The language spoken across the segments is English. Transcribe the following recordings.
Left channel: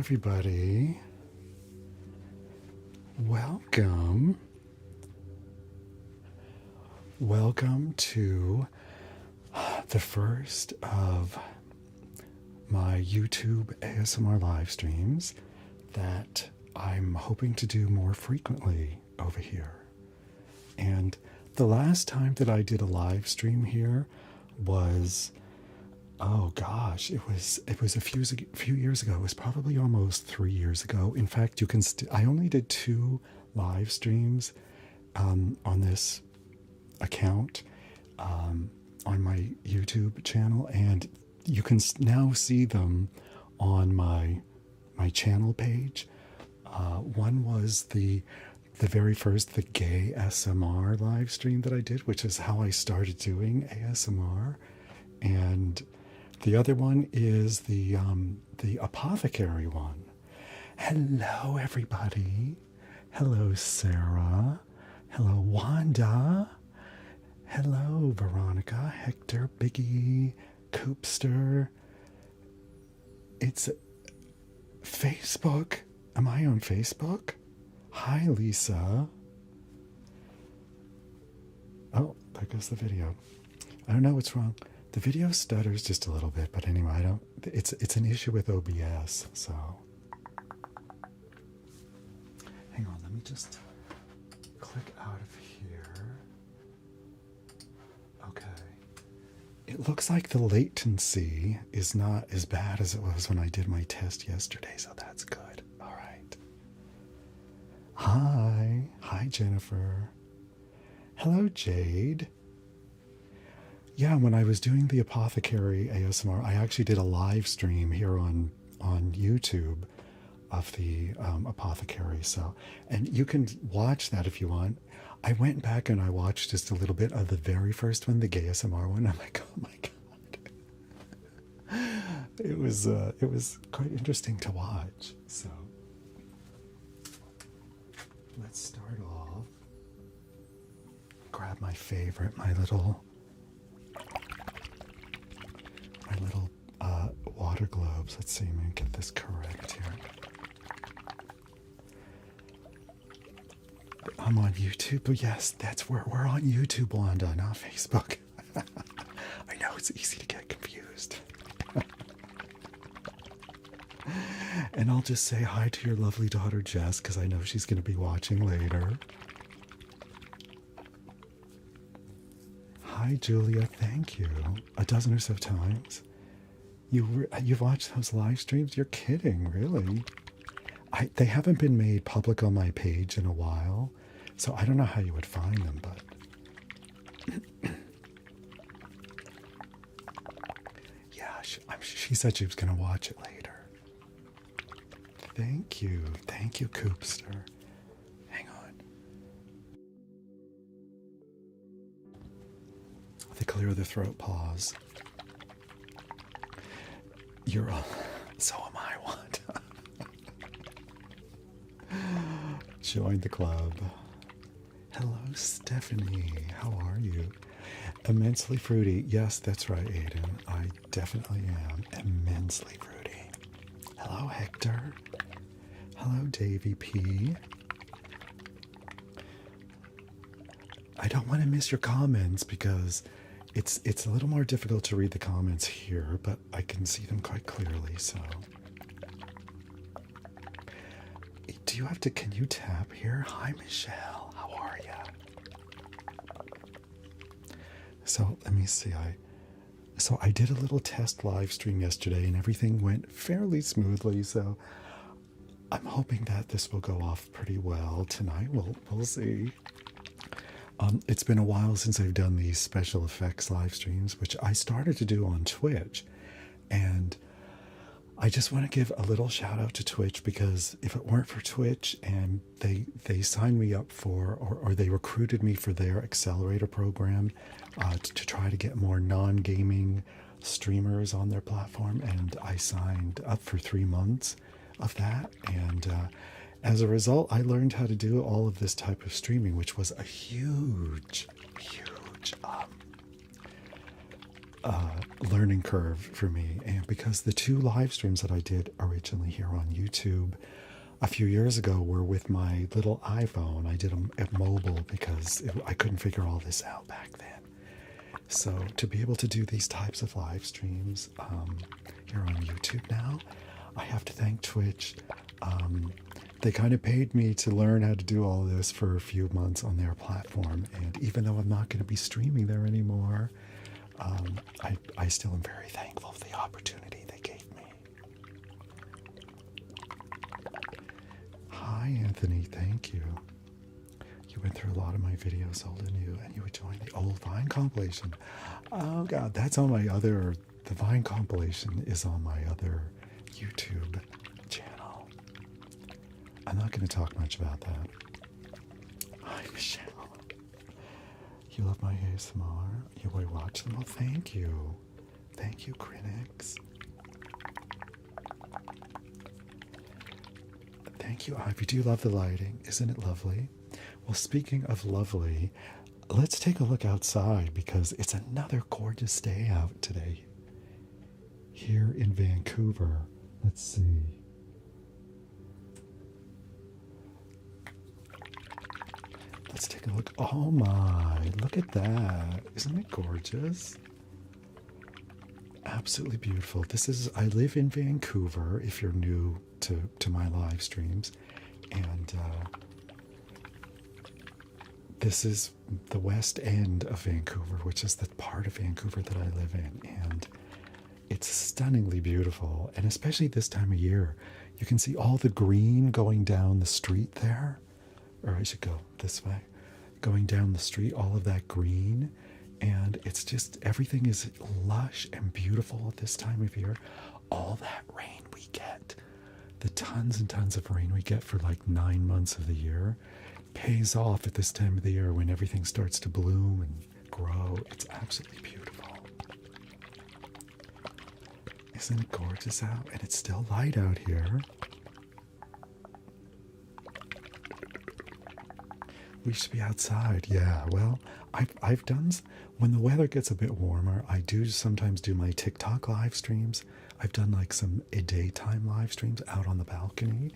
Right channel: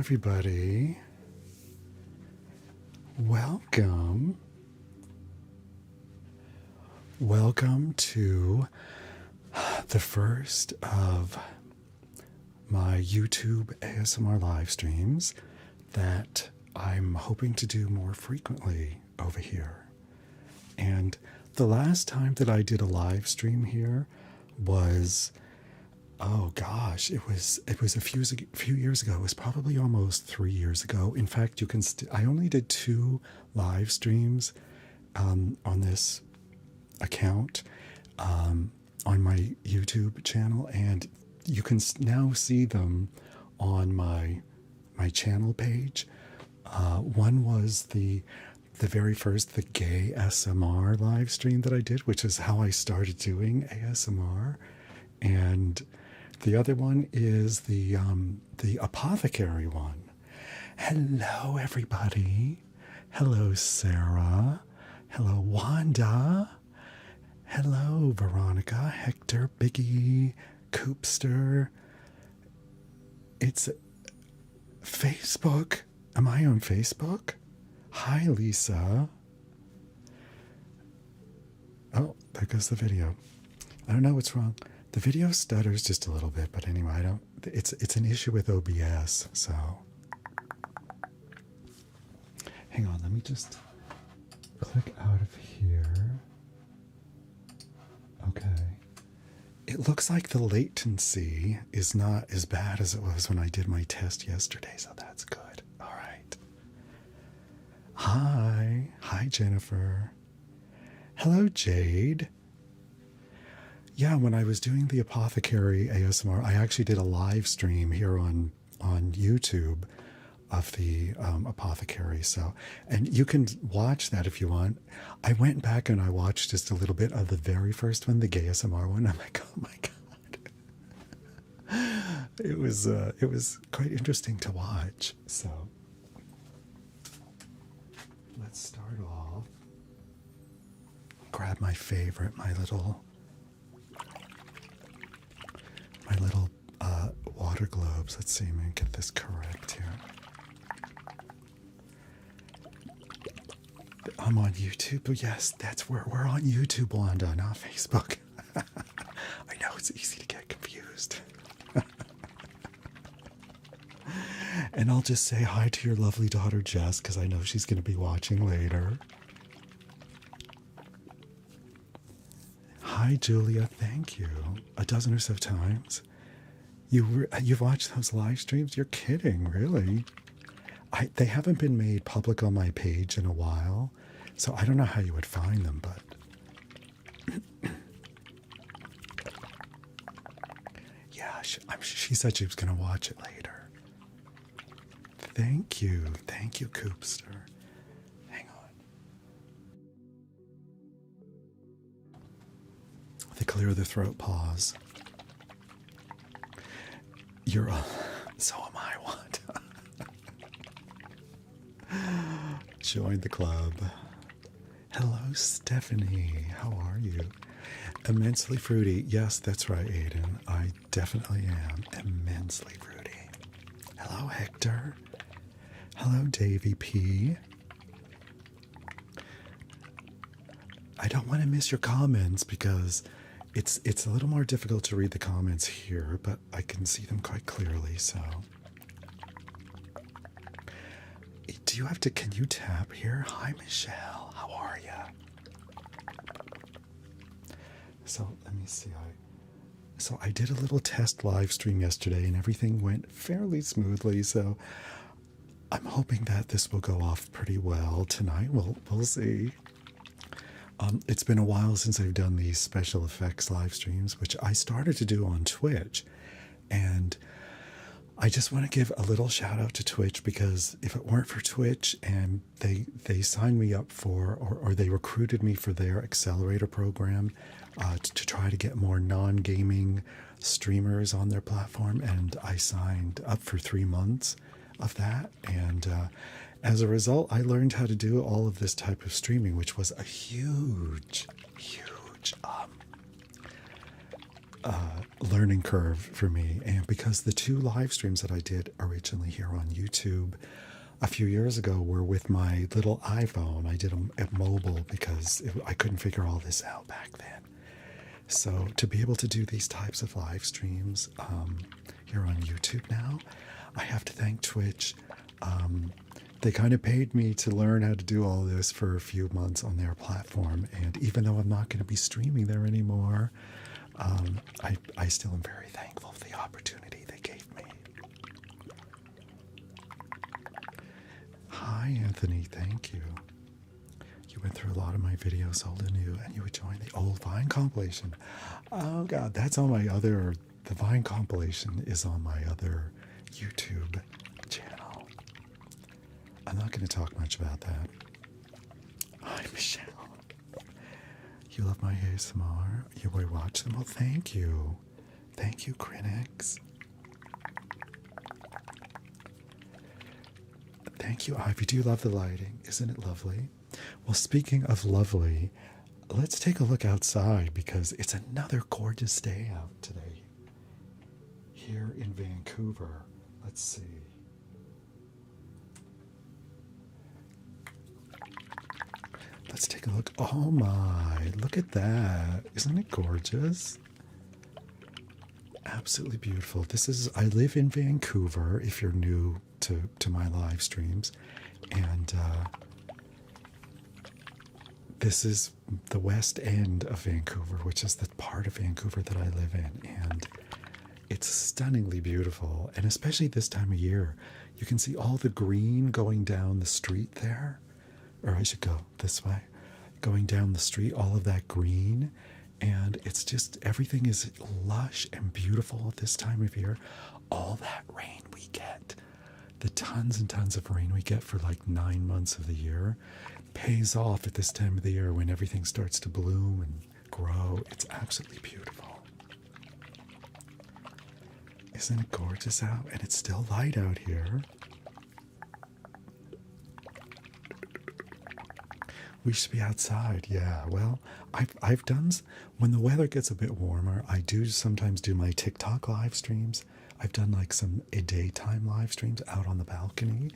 everybody. Welcome. Welcome to the first of my YouTube ASMR live streams that I'm hoping to do more frequently over here. And the last time that I did a live stream here was, oh gosh, it was a few years ago. It was probably almost 3 years ago. In fact, you can. I only did 2 live streams on this account on my YouTube channel, and you can now see them on my channel page. One was the very first, the gay SMR live stream that I did, which is how I started doing ASMR, and the other one is the apothecary one. Hello, everybody. Hello, Sarah. Hello, Wanda. Hello, Veronica, Hector, Biggie, Coopster. It's Facebook. Am I on Facebook? Hi, Lisa. Oh, there goes the video. I don't know what's wrong. The video stutters just a little bit, but anyway, I don't. It's an issue with OBS. So, hang on. Let me just click out of here. Okay. It looks like the latency is not as bad as it was when I did my test yesterday, so that's good. All right. Hi, Jennifer. Hello, Jade. Yeah, when I was doing the apothecary ASMR, I actually did a live stream here on YouTube of the apothecary. So, and you can watch that if you want. I went back and I watched just a little bit of the very first one, the gay ASMR one. I'm like, oh my god, it was quite interesting to watch. So, let's start off. Grab my favorite, my little water globes. Let's see, I'm gonna get this correct here. I'm on YouTube. Yes, that's where we're on YouTube, Wanda, not Facebook. I know it's easy to get confused. And I'll just say hi to your lovely daughter, Jess, because I know she's going to be watching later. Hi, Julia. Thank you. A dozen or so times. You've watched those live streams? You're kidding, really? They haven't been made public on my page in a while, so I don't know how you would find them, but yeah, she said she was going to watch it later. Thank you, Coopster. Hang on. The clear the throat pause. So am I, Wanda. Join the club. Hello, Stephanie. How are you? Immensely fruity. Yes, that's right, Aiden. I definitely am immensely fruity. Hello, Hector. Hello, Davy P. I don't want to miss your comments because it's a little more difficult to read the comments here, but I can see them quite clearly, so. Can you tap here? Hi, Michelle. How are ya? So, let me see. So I did a little test live stream yesterday and everything went fairly smoothly, so I'm hoping that this will go off pretty well tonight. We'll see. It's been a while since I've done these special effects live streams, which I started to do on Twitch. And I just want to give a little shout out to Twitch, because if it weren't for Twitch and they signed me up for, or they recruited me for their accelerator program to try to get more non-gaming streamers on their platform, and I signed up for 3 months of that, and as a result, I learned how to do all of this type of streaming, which was a huge learning curve for me. And because the 2 live streams that I did originally here on YouTube a few years ago were with my little iPhone. I did them at mobile because I couldn't figure all this out back then. So to be able to do these types of live streams here on YouTube now, I have to thank Twitch. They kind of paid me to learn how to do all this for a few months on their platform. And even though I'm not going to be streaming there anymore, I still am very thankful for the opportunity they gave me. Hi, Anthony. Thank you. You went through a lot of my videos, old and new, and you were doing the old Vine compilation. Oh, God, that's on my other... The Vine compilation is on my other YouTube channel. I'm not going to talk much about that. Hi, Michelle. You love my ASMR? You will watch them? Well, thank you. Thank you, critics. Thank you, Ivy. Do you love the lighting? Isn't it lovely? Well, speaking of lovely, let's take a look outside because it's another gorgeous day out today. Here in Vancouver. Let's see. Let's take a look. Oh my, look at that. Isn't it gorgeous? Absolutely beautiful. I live in Vancouver, if you're new to my live streams. And this is the west end of Vancouver, which is the part of Vancouver that I live in. And it's stunningly beautiful. And especially this time of year, you can see all the green going down the street there. Or I should go this way. Going down the street, all of that green. And it's just, everything is lush and beautiful at this time of year. All that rain we get, the tons and tons of rain we get for like 9 months of the year, pays off at this time of the year when everything starts to bloom and grow. It's absolutely beautiful. Isn't it gorgeous out? And it's still light out here. We should be outside. Yeah, well, I've done, when the weather gets a bit warmer, I do sometimes do my TikTok live streams. I've done like some daytime live streams out on the balcony.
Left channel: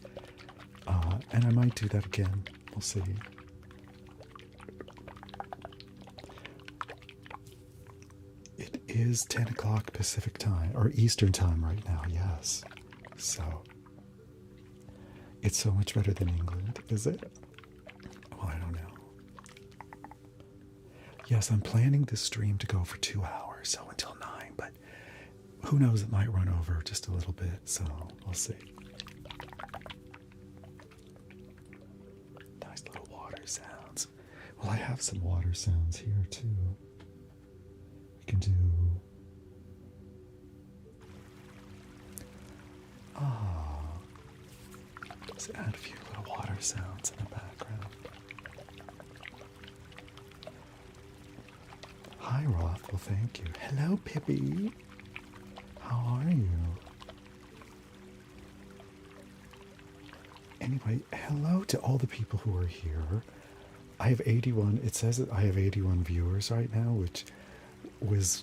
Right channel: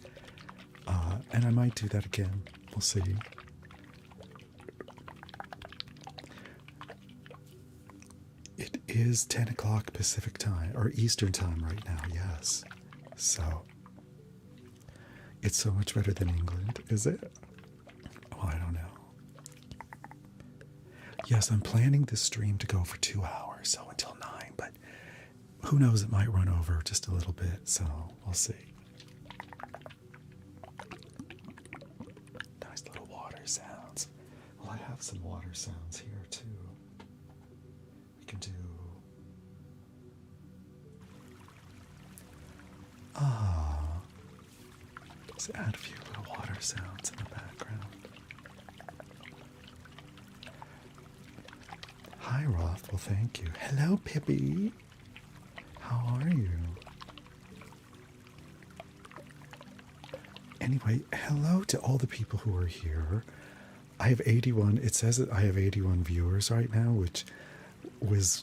And I might do that again. We'll see. It is 10 o'clock Pacific time, or Eastern time right now, yes. So, it's so much better than England, is it? Oh, I don't know. Yes, I'm planning this stream to go for 2 hours, so until 9, but who knows, it might run over just a little bit, so we'll see. Nice little water sounds. Well, I have some water sounds here, too. We can do... Oh. Just add a few little water sounds in the background. Hi, Roth. Well, thank you. Hello, Pippi. How are you? Anyway, hello to all the people who are here. I have 81. It says that I have 81 viewers right now, which was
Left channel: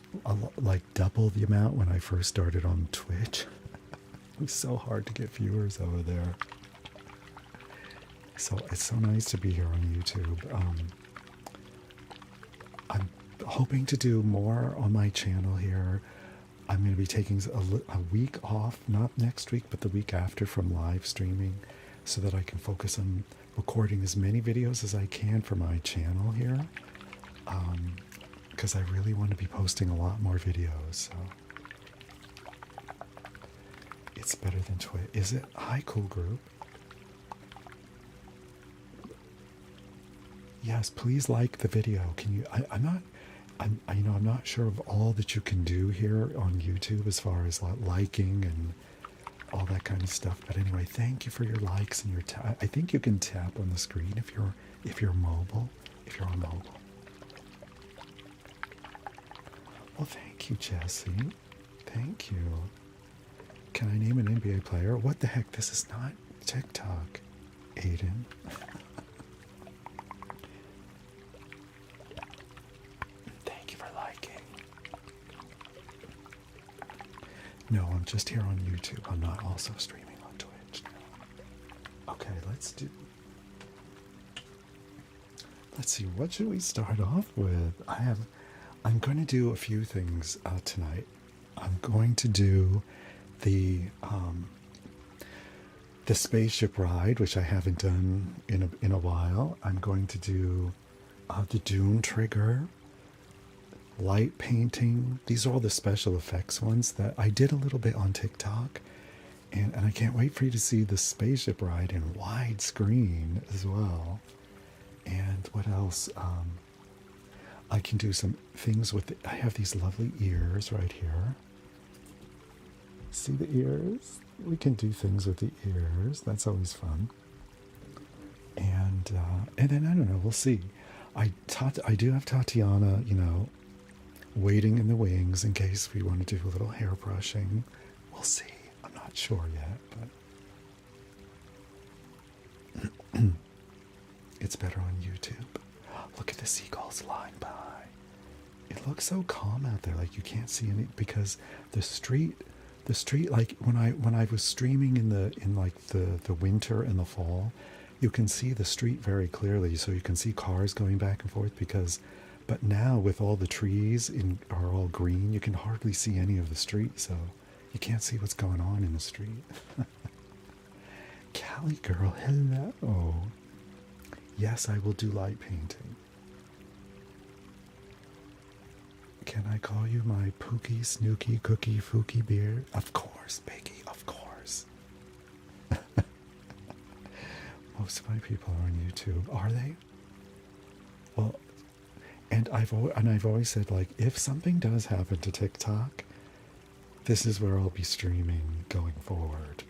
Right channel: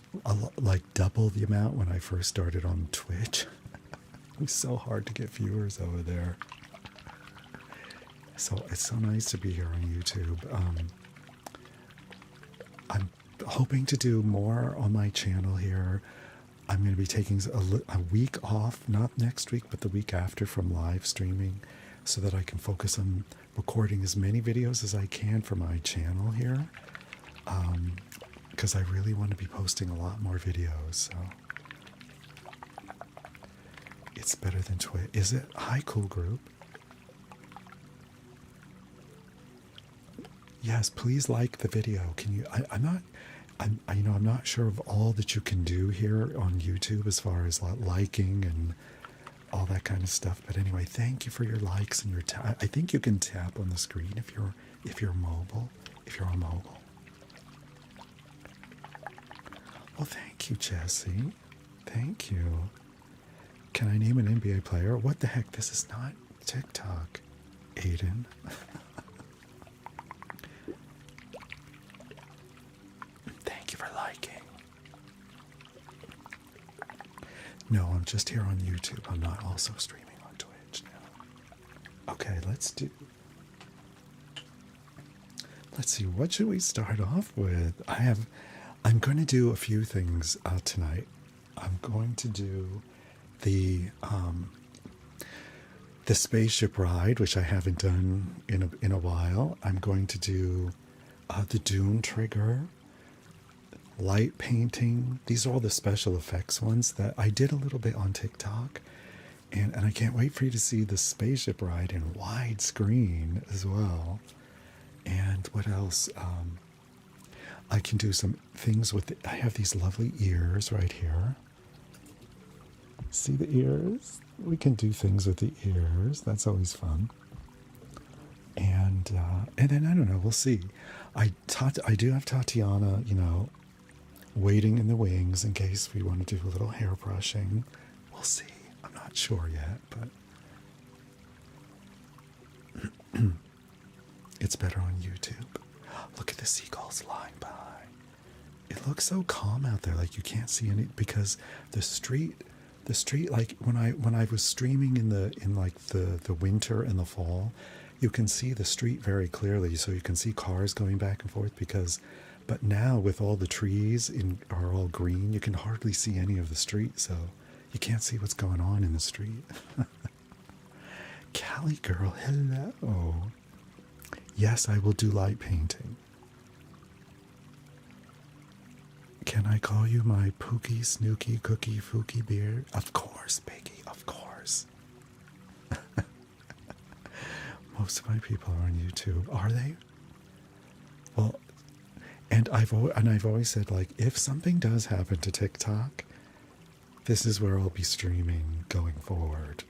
like double the amount when I first started on Twitch. It was so hard to get viewers over there. So it's so nice to be here on YouTube. I'm hoping to do more on my channel here. I'm going to be taking a week off, not next week, but the week after from live streaming, so that I can focus on recording as many videos as I can for my channel here. Because I really want to be posting a lot more videos. So it's better than Twitch. Is it? Hi, cool group. Yes, please like the video. Can you? I'm not sure of all that you can do here on YouTube as far as liking and all that kind of stuff. But anyway, thank you for your likes and your I think you can tap on the screen if you're mobile, if you're on mobile. Well, thank you, Jesse. Thank you. Can I name an NBA player? What the heck? This is not TikTok, Aiden. Thank you for liking. No, I'm just here on YouTube. I'm not also streaming on Twitch now. Okay, let's see, what should we start off with? I'm going to do a few things tonight. I'm going to do the spaceship ride, which I haven't done in a while. I'm going to do the Dune trigger, light painting. These are all the special effects ones that I did a little bit on TikTok. And I can't wait for you to see the spaceship ride in widescreen as well. And what else? I can do some things with I have these lovely ears right here. See the ears? We can do things with the ears. That's always fun. And then I don't know. We'll see. I do have Tatiana, waiting in the wings in case we want to do a little hair brushing. We'll see. I'm not sure yet, but it's better on YouTube. Look at the seagulls flying by. It looks so calm out there, like you can't see any, because the street, like when I was streaming in the winter and the fall, you can see the street very clearly, so you can see cars going back and forth but now with all the trees are all green, you can hardly see any of the street, so you can't see what's going on in the street. Callie girl, hello. Yes, I will do light painting. Can I call you my Pookie, Snooky, Cookie, Fookie beard? Of course, Peggy, of course. Most of my people are on YouTube. Are they? Well, and I've always said, like, if something does happen to TikTok, this is where I'll be streaming going forward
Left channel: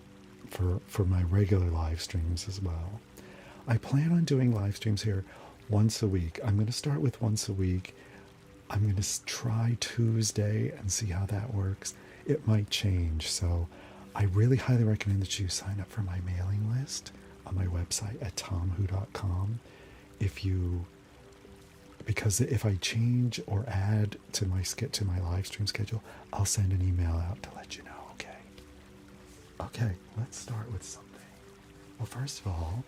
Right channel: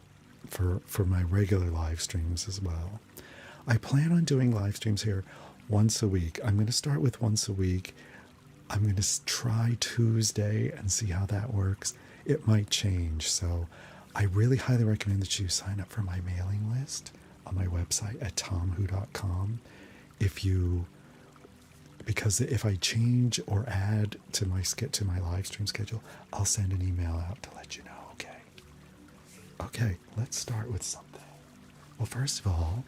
for my regular live streams as well. I plan on doing live streams here once a week. I'm going to start with once a week. I'm going to try Tuesday and see how that works. It might change, so I really highly recommend that you sign up for my mailing list on my website at tomwho.com. Because if I change or add to my live stream schedule, I'll send an email out to let you know. Okay, let's start with something. Well, first of all,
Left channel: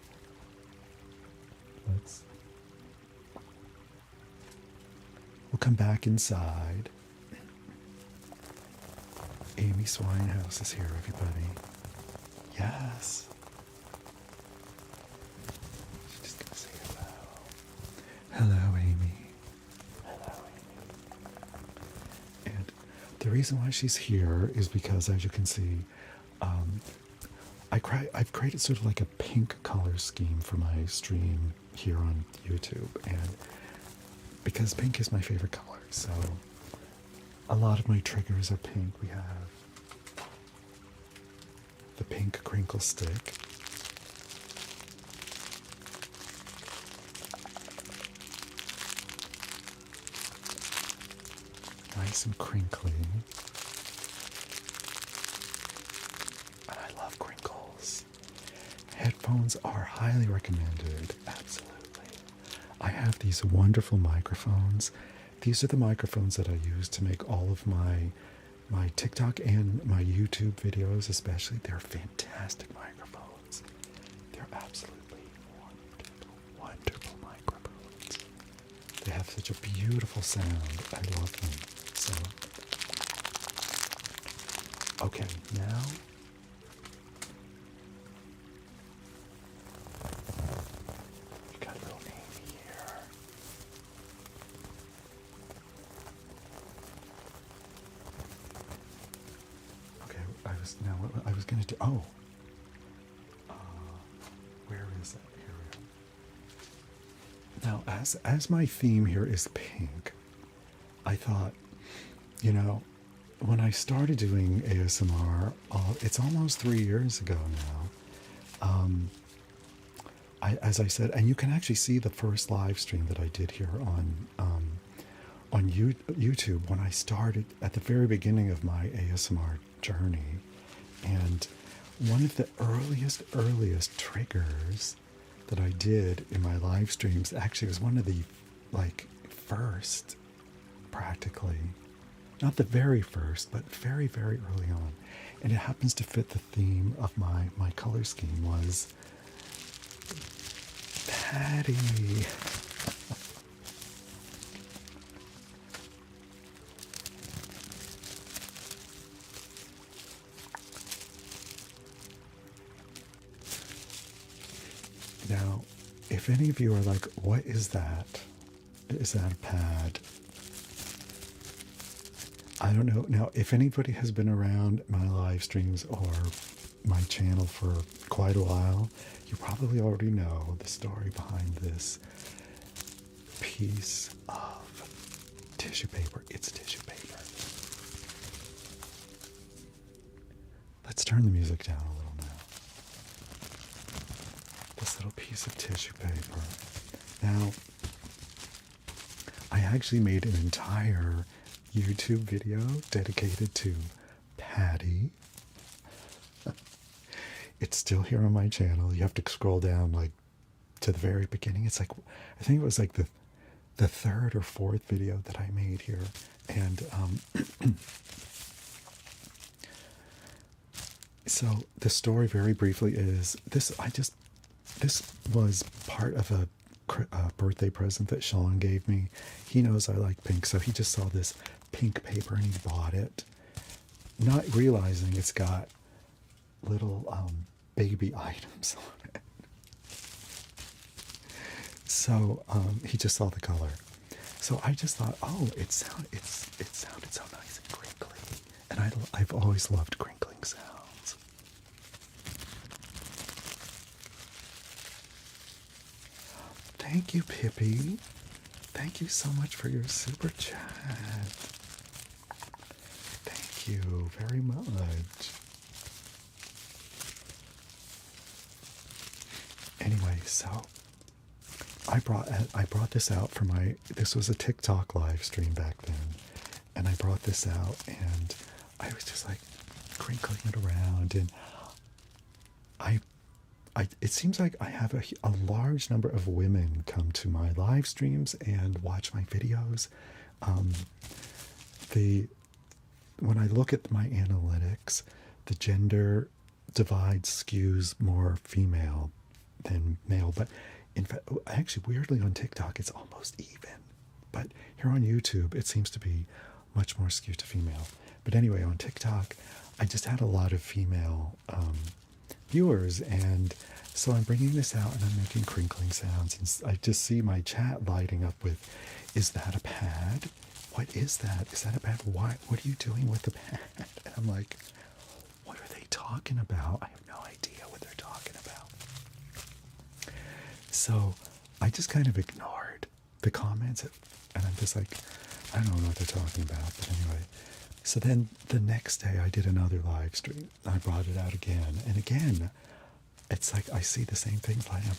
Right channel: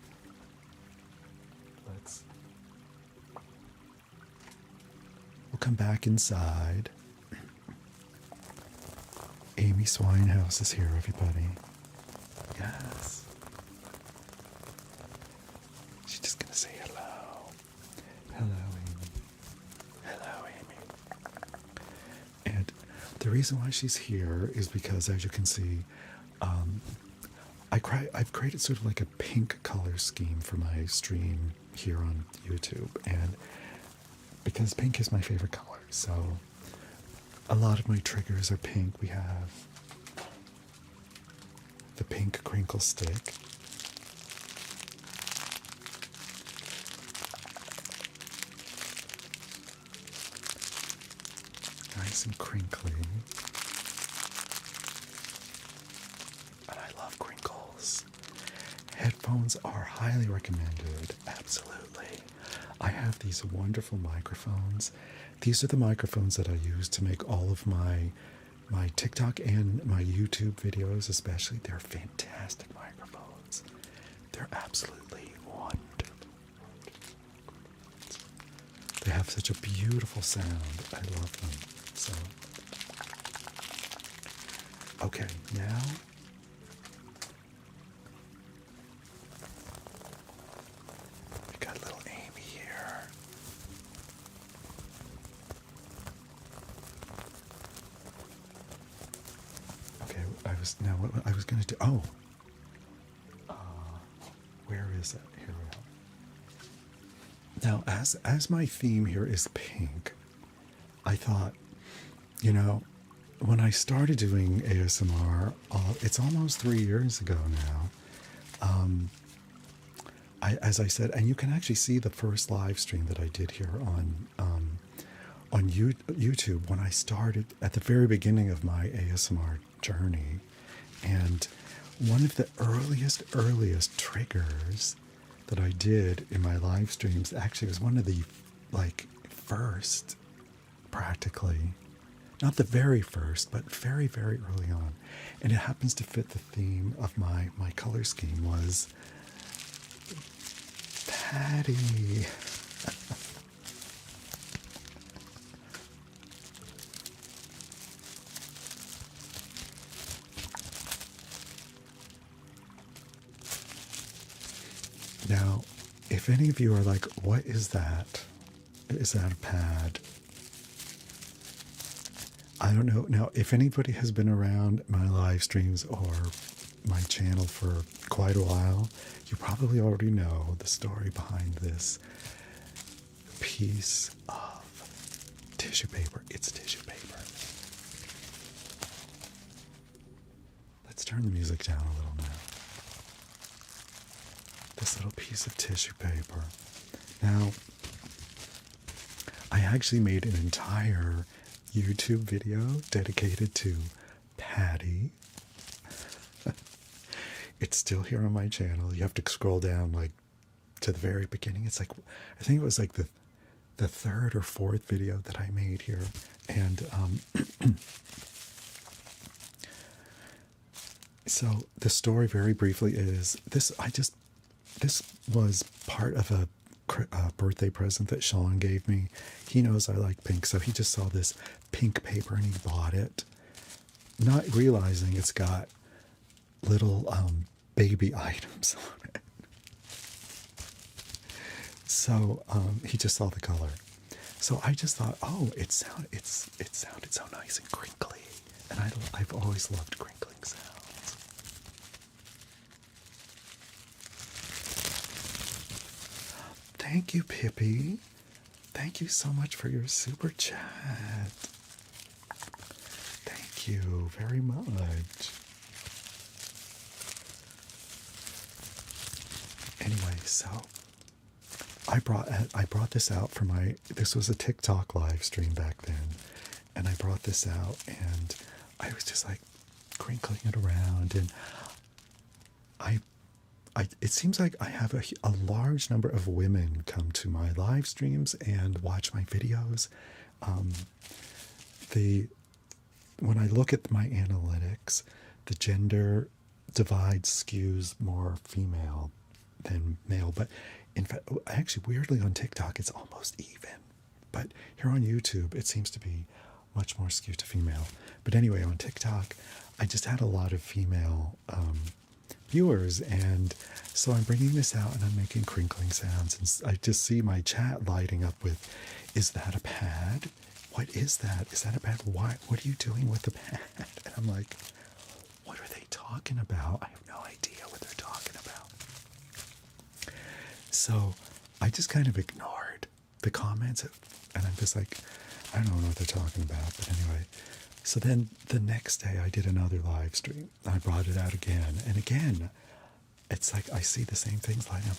we'll come back inside. Amy Swinehouse is here, everybody. Yes. She's just gonna say hello. Hello, Amy. Hello, Amy. And the reason why she's here is because, as you can see, I've created sort of like a pink color scheme for my stream here on YouTube, and because pink is my favorite color, so a lot of my triggers are pink. We have the pink crinkle stick. Nice and crinkly. And I love crinkles. Headphones are highly recommended. Absolutely. I have these wonderful microphones. These are the microphones that I use to make all of my TikTok and my YouTube videos especially. They're fantastic microphones. They're absolutely wonderful microphones. They have such a beautiful sound. I love them. So, okay, now we got little Amy here. Okay, I was gonna do. Where is it here? Now, as my theme here is pink, I thought, when I started doing ASMR, it's almost 3 years ago now. As I said, and you can actually see the first live stream that I did here on YouTube when I started at the very beginning of my ASMR journey. And one of the earliest triggers that I did in my live streams actually was one of the first, practically. Not the very first, but very, very early on. And it happens to fit the theme of my color scheme was Patty. Now, if any of you are like, what is that? Is that a pad? I don't know. Now, if anybody has been around my live streams or my channel for quite a while, you probably already know the story behind this piece of tissue paper. It's tissue paper. Let's turn the music down a little now. This little piece of tissue paper. Now, I actually made an entire YouTube video dedicated to Patty. It's still here on my channel. You have to scroll down like to the very beginning. It's like, I think it was like the third or fourth video that I made here. And so the story very briefly is this was part of a birthday present that Sean gave me. He knows I like pink, so he just saw this pink paper and he bought it, not realizing it's got little baby items on it. So he just saw the color. So I just thought, oh, it sounded so nice and crinkly, and I've always loved crinkling sounds. Thank you, Pippi. Thank you so much for your super chat. Thank you very much. Anyway, so I brought this out for this was a TikTok live stream back then, and I brought this out and I was just like crinkling it around, and it seems like I have a large number of women come to my live streams and watch my videos. When I look at my analytics, the gender divide skews more female than male. But in fact, actually, weirdly on TikTok, it's almost even. But here on YouTube, it seems to be much more skewed to female. But anyway, on TikTok, I just had a lot of female viewers, and so I'm bringing this out and I'm making crinkling sounds, and I just see my chat lighting up with, is that a pad? What is that? Is that a pad? What are you doing with the pad? And I'm like, what are they talking about? I have no idea what they're talking about. So I just kind of ignored the comments, and I'm just like, I don't know what they're talking about. But anyway, so then the next day I did another live stream. I brought it out again, and again, it's like I see the same things lighting up.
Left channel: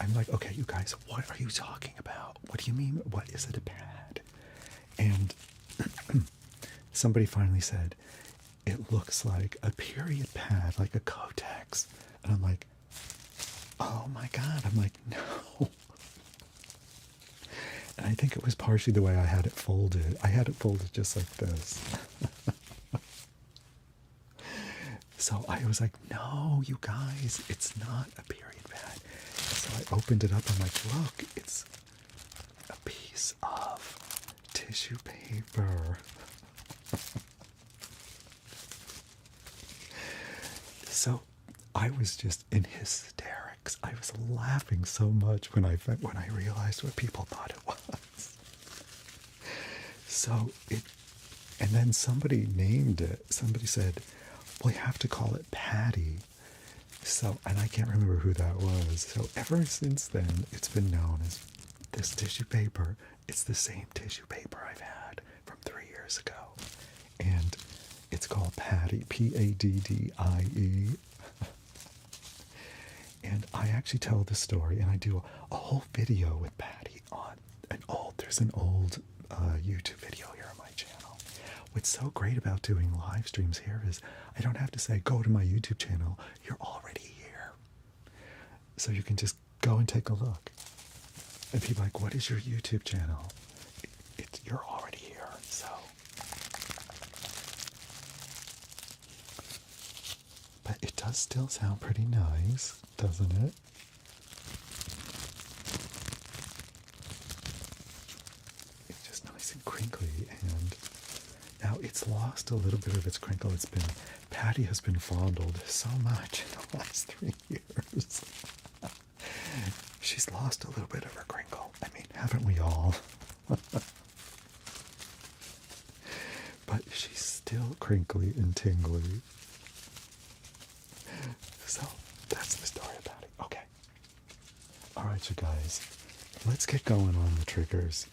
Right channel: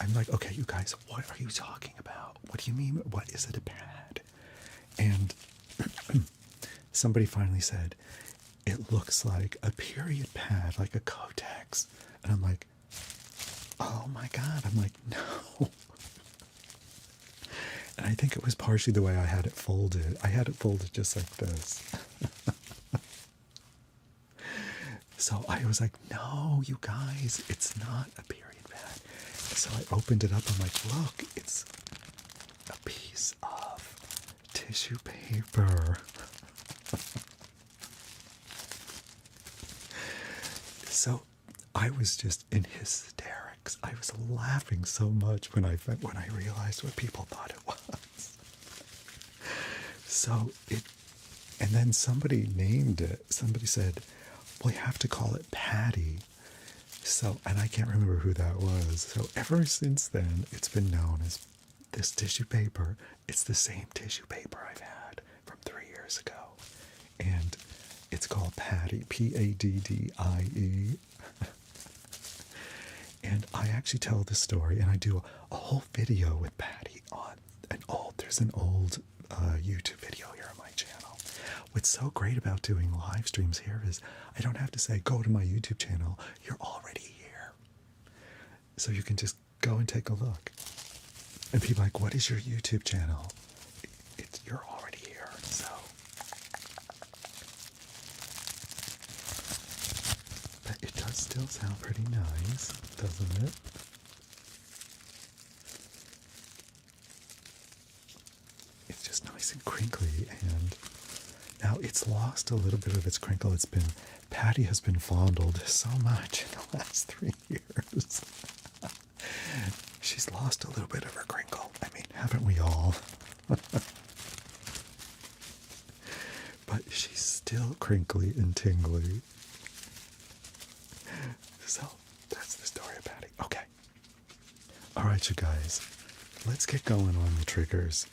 I'm like, okay, you guys, what are you talking about? What do you mean? What is it, a pad? And somebody finally said, it looks like a period pad, like a Kotex. And I'm like, oh my God. I'm like, no. And I think it was partially the way I had it folded. I had it folded just like this. So I was like, no, you guys, it's not a period pad. So I opened it up. I'm like, look, it's a piece of tissue paper. So I was just in hysterics. I was laughing so much when I realized what people thought it was. So and then somebody named it. Somebody said, we have to call it Patty. So, and I can't remember who that was. So ever since then, it's been known as this tissue paper. It's the same tissue paper I've had from 3 years ago. And it's called Paddie, Paddie. And I actually tell this story, and I do a whole video with Patty on there's an old YouTube video here on my channel. What's so great about doing live streams here is I don't have to say, go to my YouTube channel. You're already here. So you can just go and take a look. And people are like, what is your YouTube channel? You're already here. So does still sound pretty nice, doesn't it? It's just nice and crinkly, and now it's lost a little bit of its crinkle. Patty has been fondled so much in the last 3 years. She's lost a little bit of her crinkle. I mean, haven't we all? But she's still crinkly and tingly. So, that's the story of Patty. Okay. Alright, you guys. Let's get going on the triggers.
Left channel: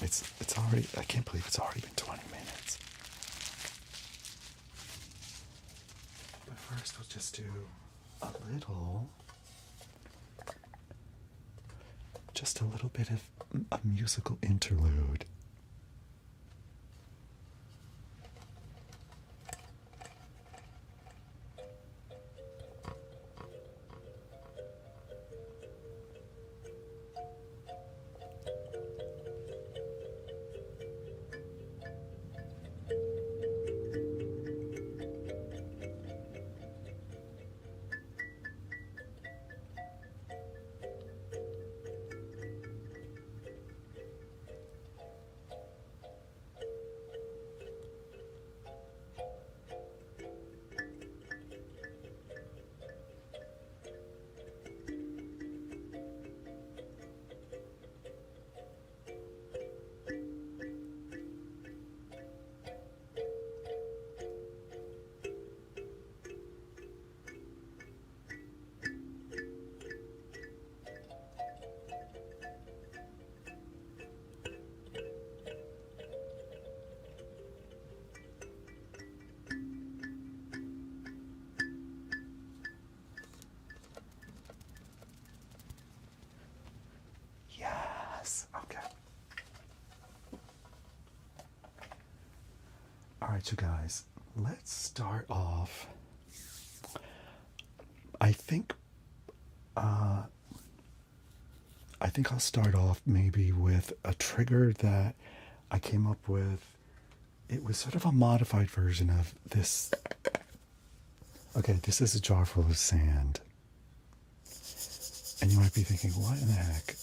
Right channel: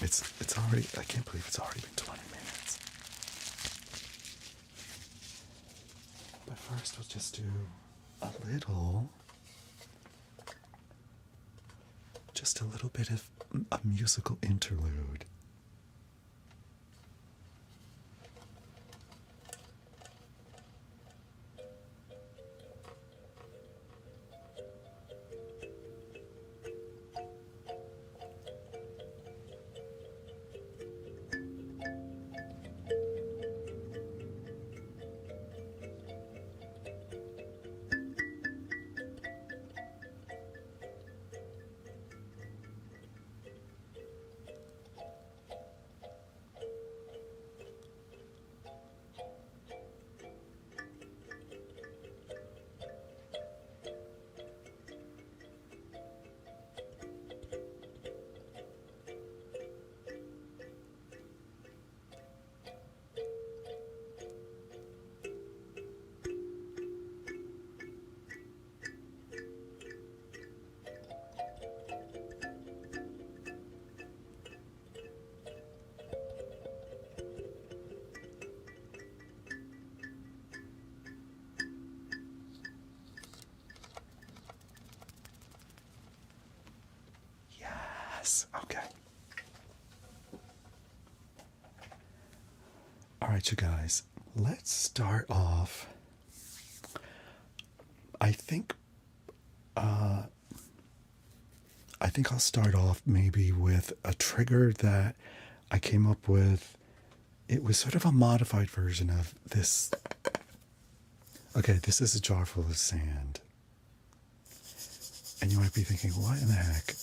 It's already, I can't believe it's already been 20 minutes. But first, we'll just do just a little bit of a musical interlude. Okay. All right, you guys, let's start off. I think I'll start off maybe with a trigger that I came up with. It was sort of a modified version of this. Okay, this is a jar full of sand. And you might be thinking, what in the heck?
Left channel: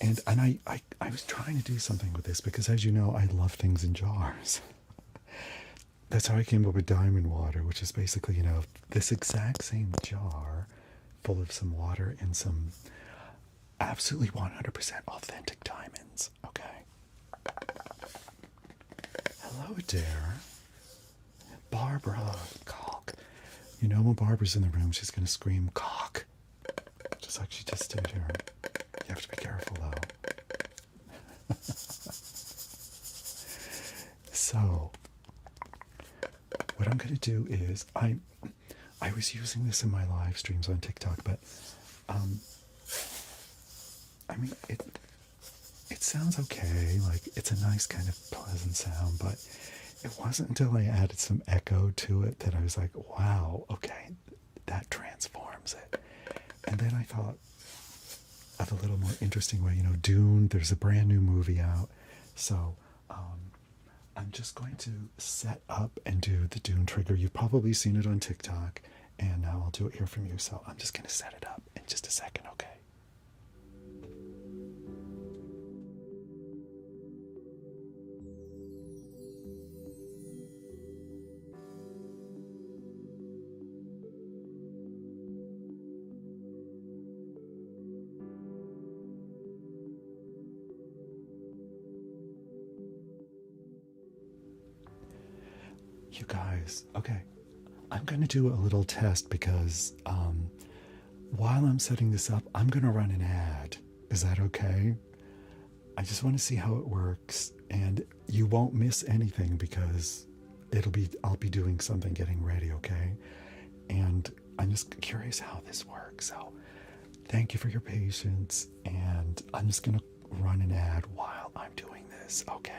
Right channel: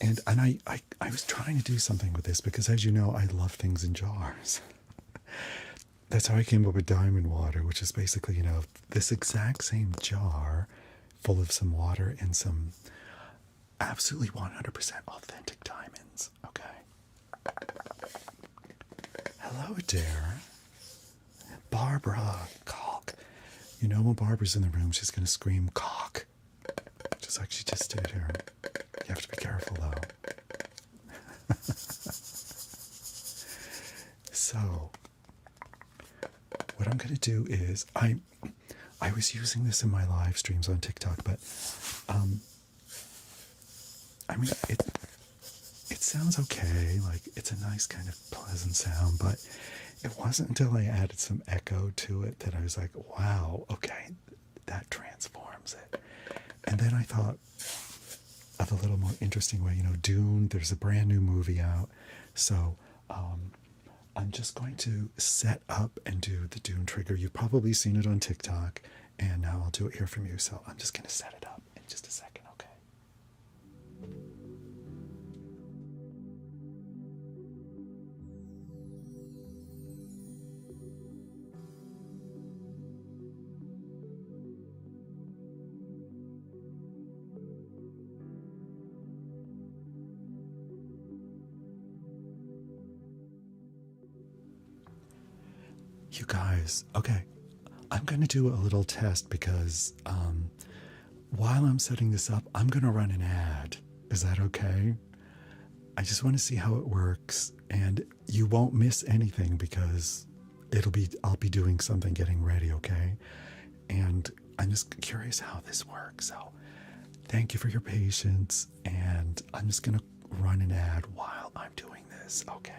And I was trying to do something with this because, as you know, I love things in jars. That's how I came up with diamond water, which is basically, this exact same jar full of some water and some absolutely 100% authentic diamonds. Okay. Hello, dear. Barbara. Cock. When Barbara's in the room, she's going to scream cock. Just like she just did here. You have to be careful, though. So, what I'm going to do is, I was using this in my live streams on TikTok, but, it sounds okay, like, it's a nice kind of pleasant sound, but it wasn't until I added some echo to it that I was like, wow, okay, that transforms it. And then I thought of a little more interesting way, Dune, there's a brand new movie out, so I'm just going to set up and do the Dune trigger. You've probably seen it on TikTok, and now I'll do it here from you, so I'm just going to set it up in just a second, okay? You guys, okay, I'm going to do a little test because while I'm setting this up, I'm going to run an ad. Is that okay? I just want to see how it works, and you won't miss anything because I'll be doing something getting ready, okay? And I'm just curious how this works. So thank you for your patience, and I'm just going to run an ad while I'm doing this, okay?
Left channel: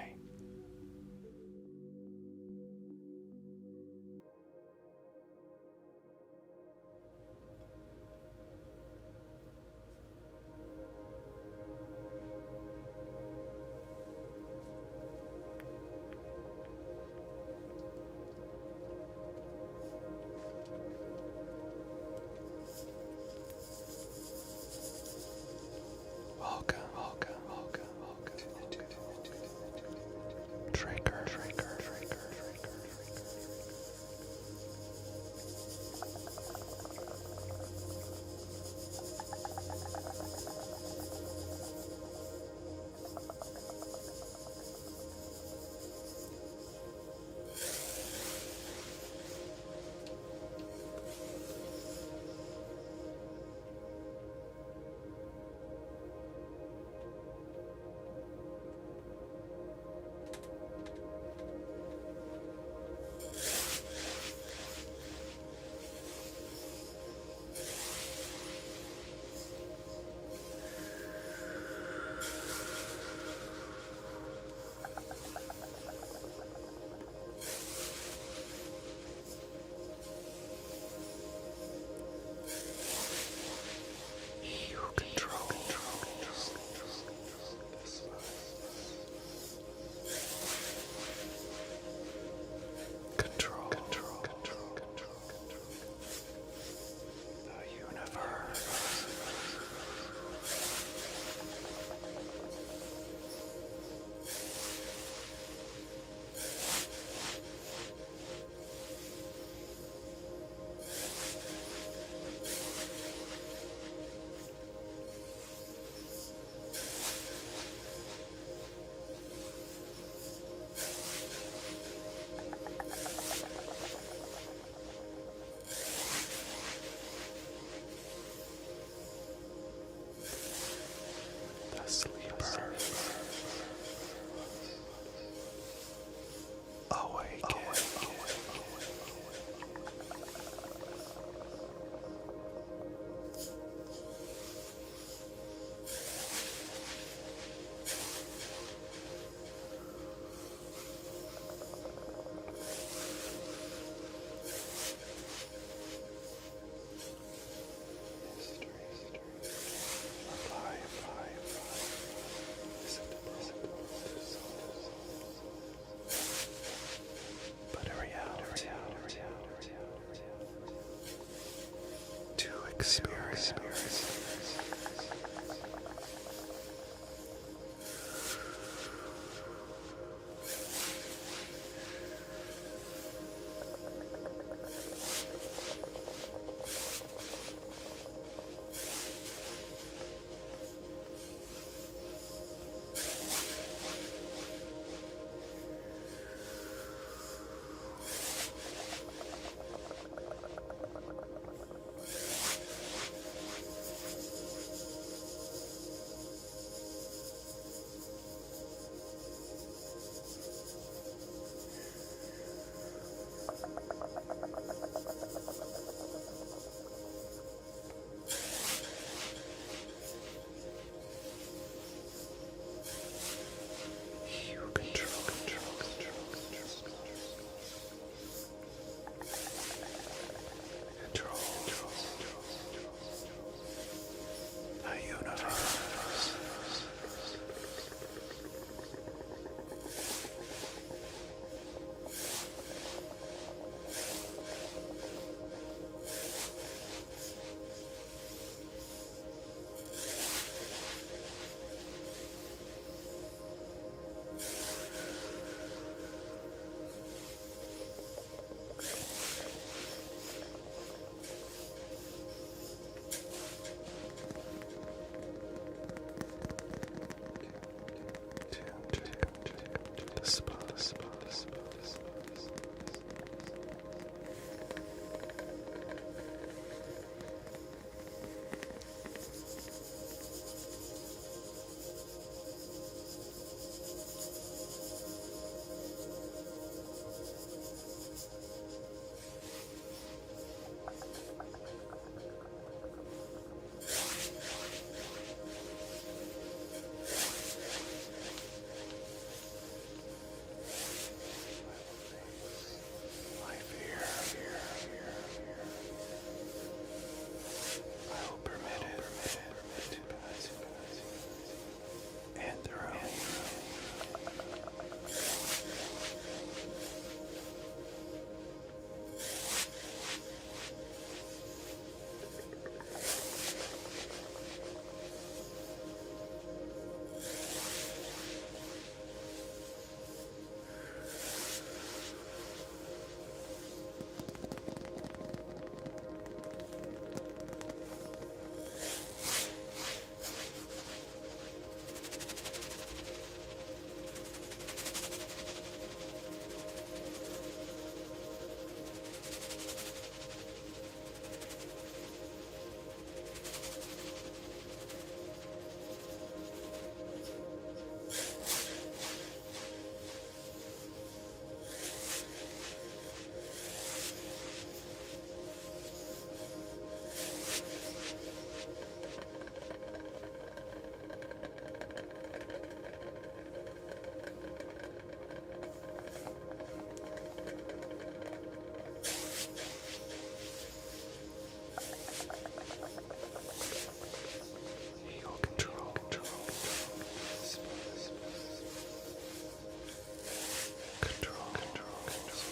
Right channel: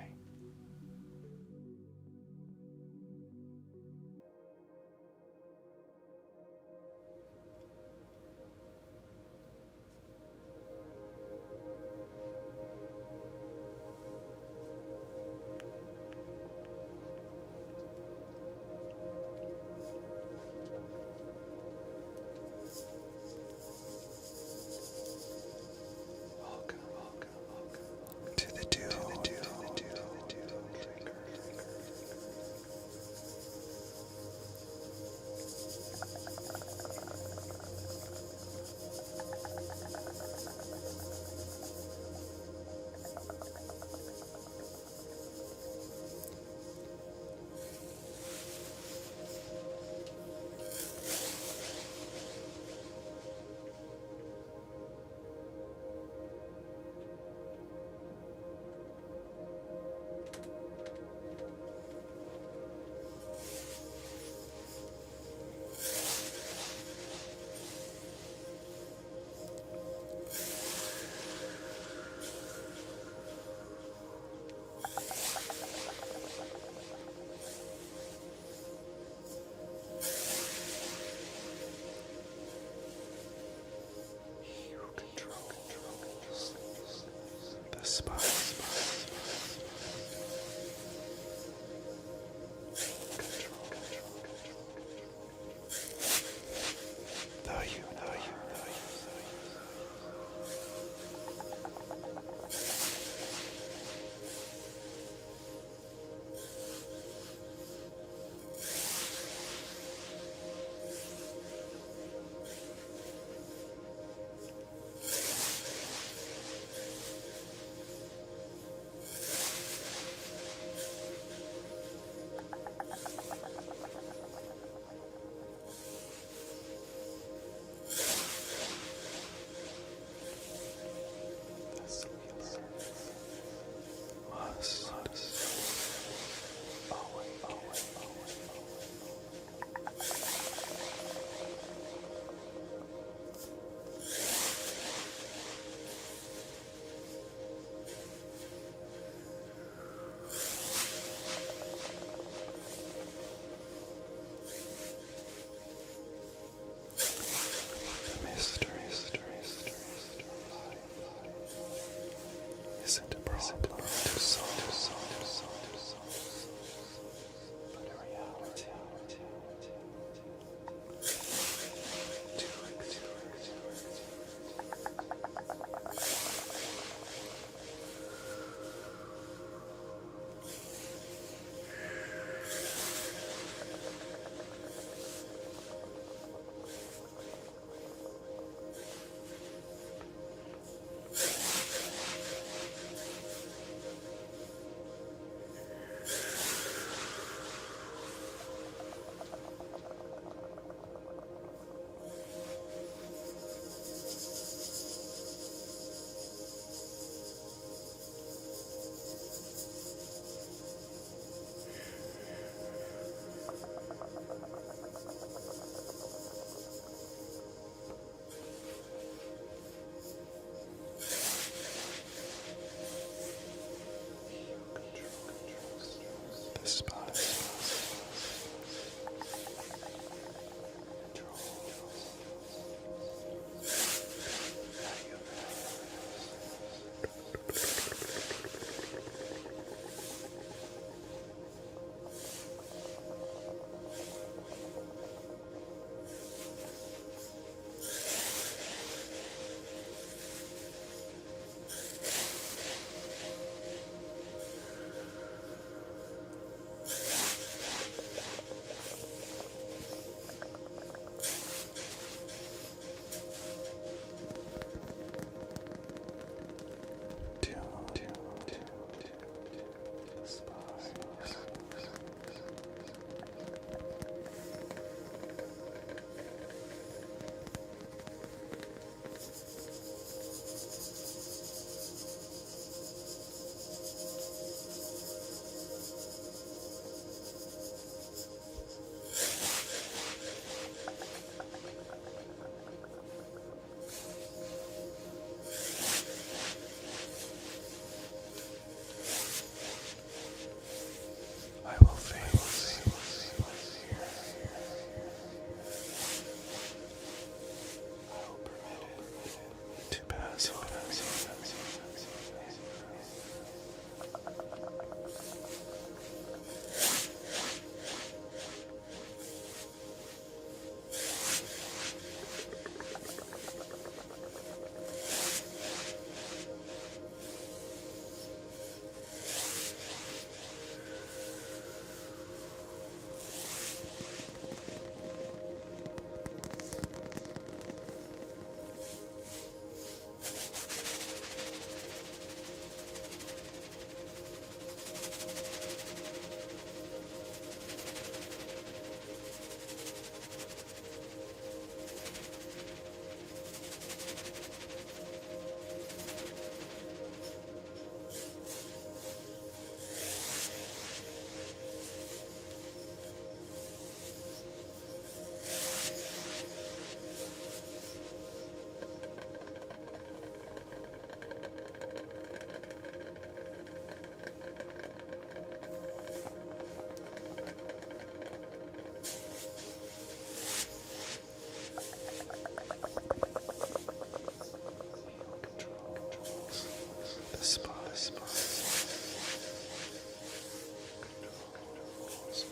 controls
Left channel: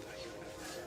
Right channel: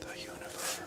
the universe.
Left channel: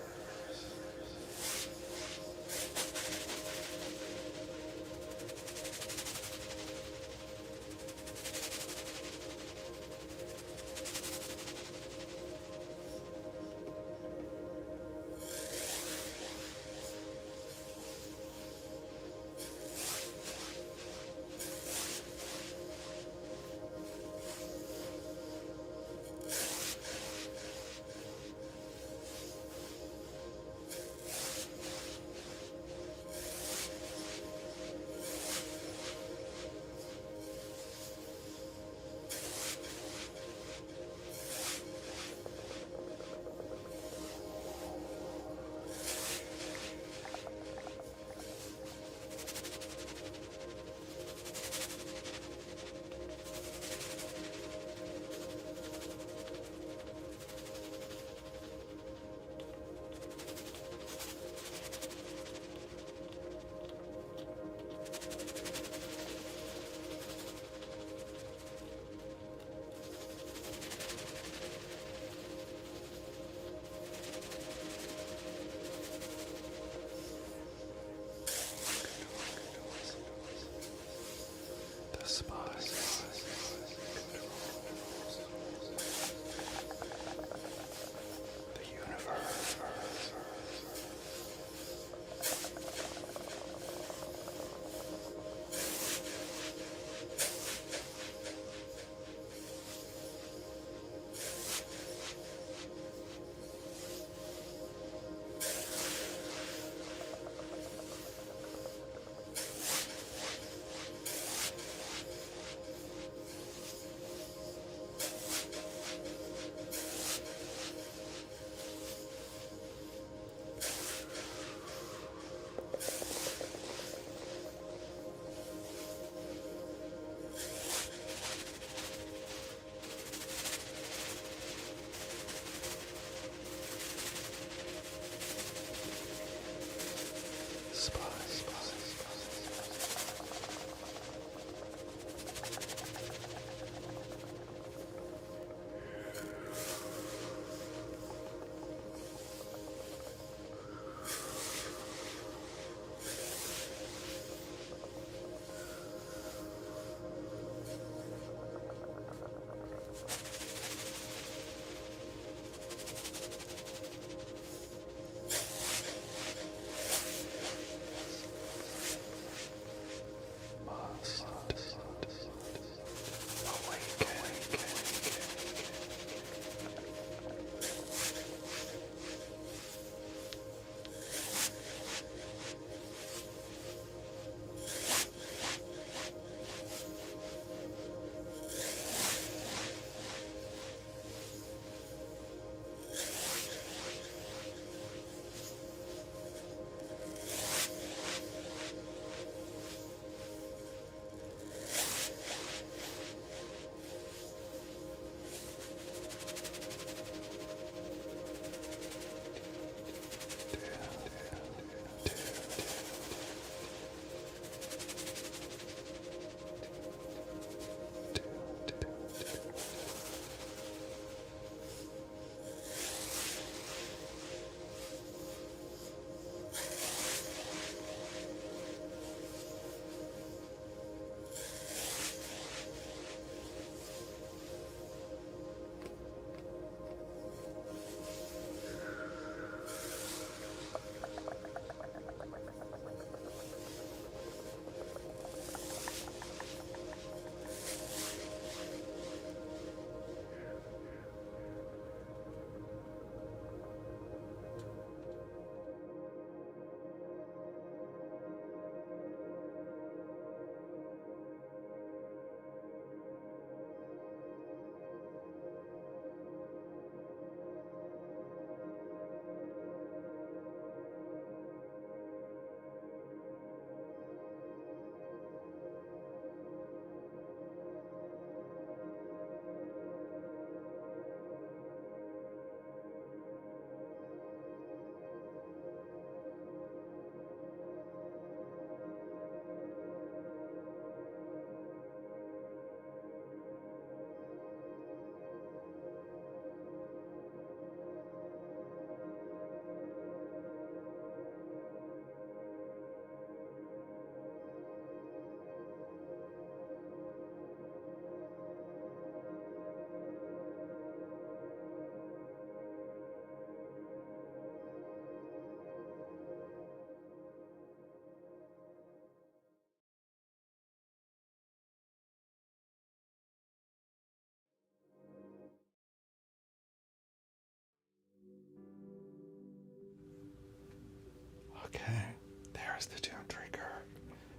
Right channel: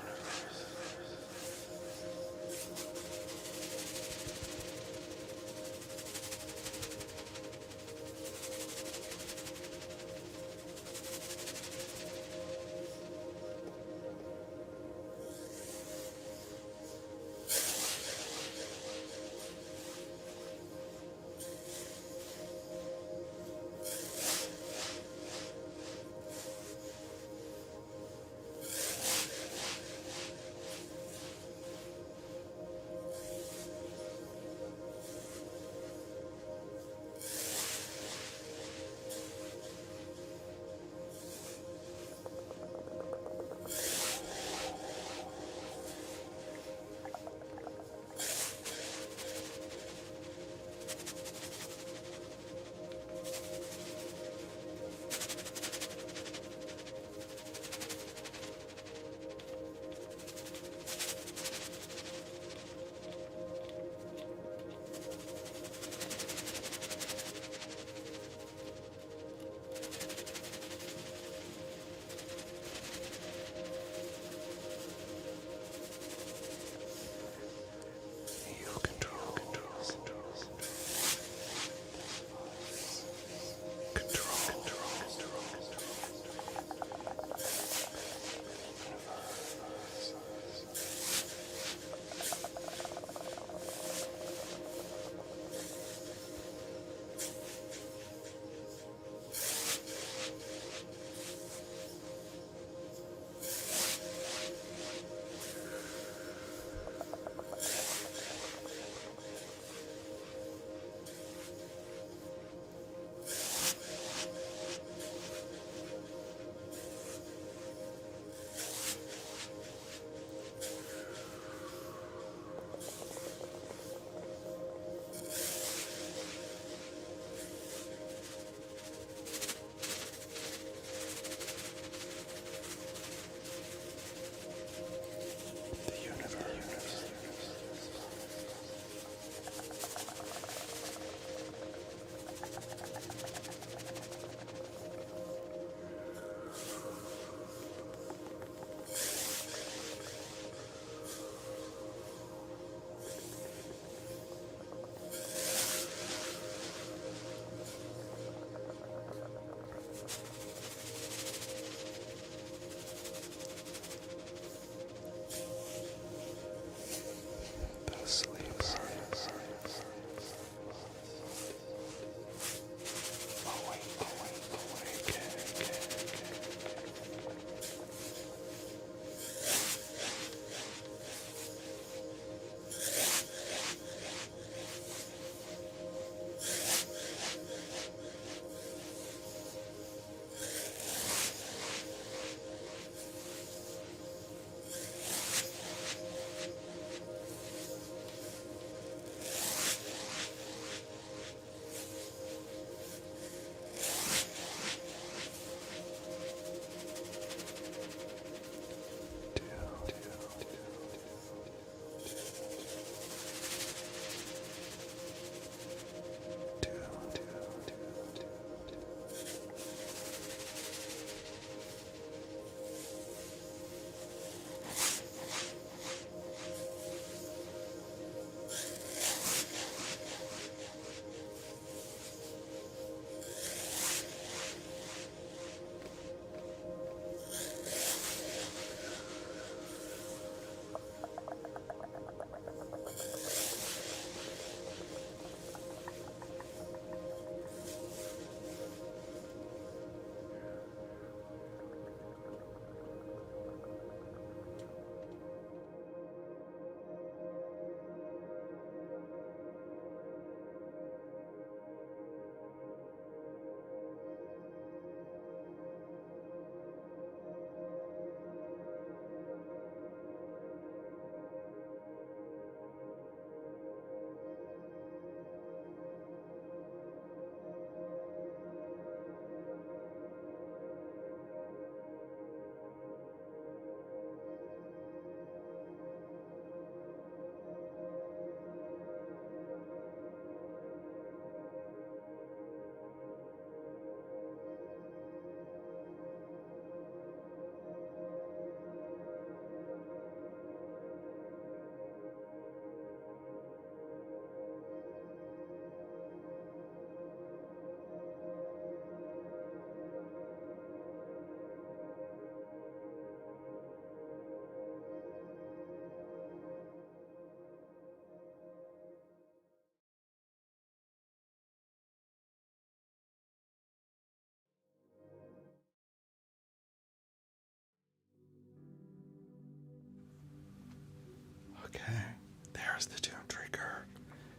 there's the Dune trigger.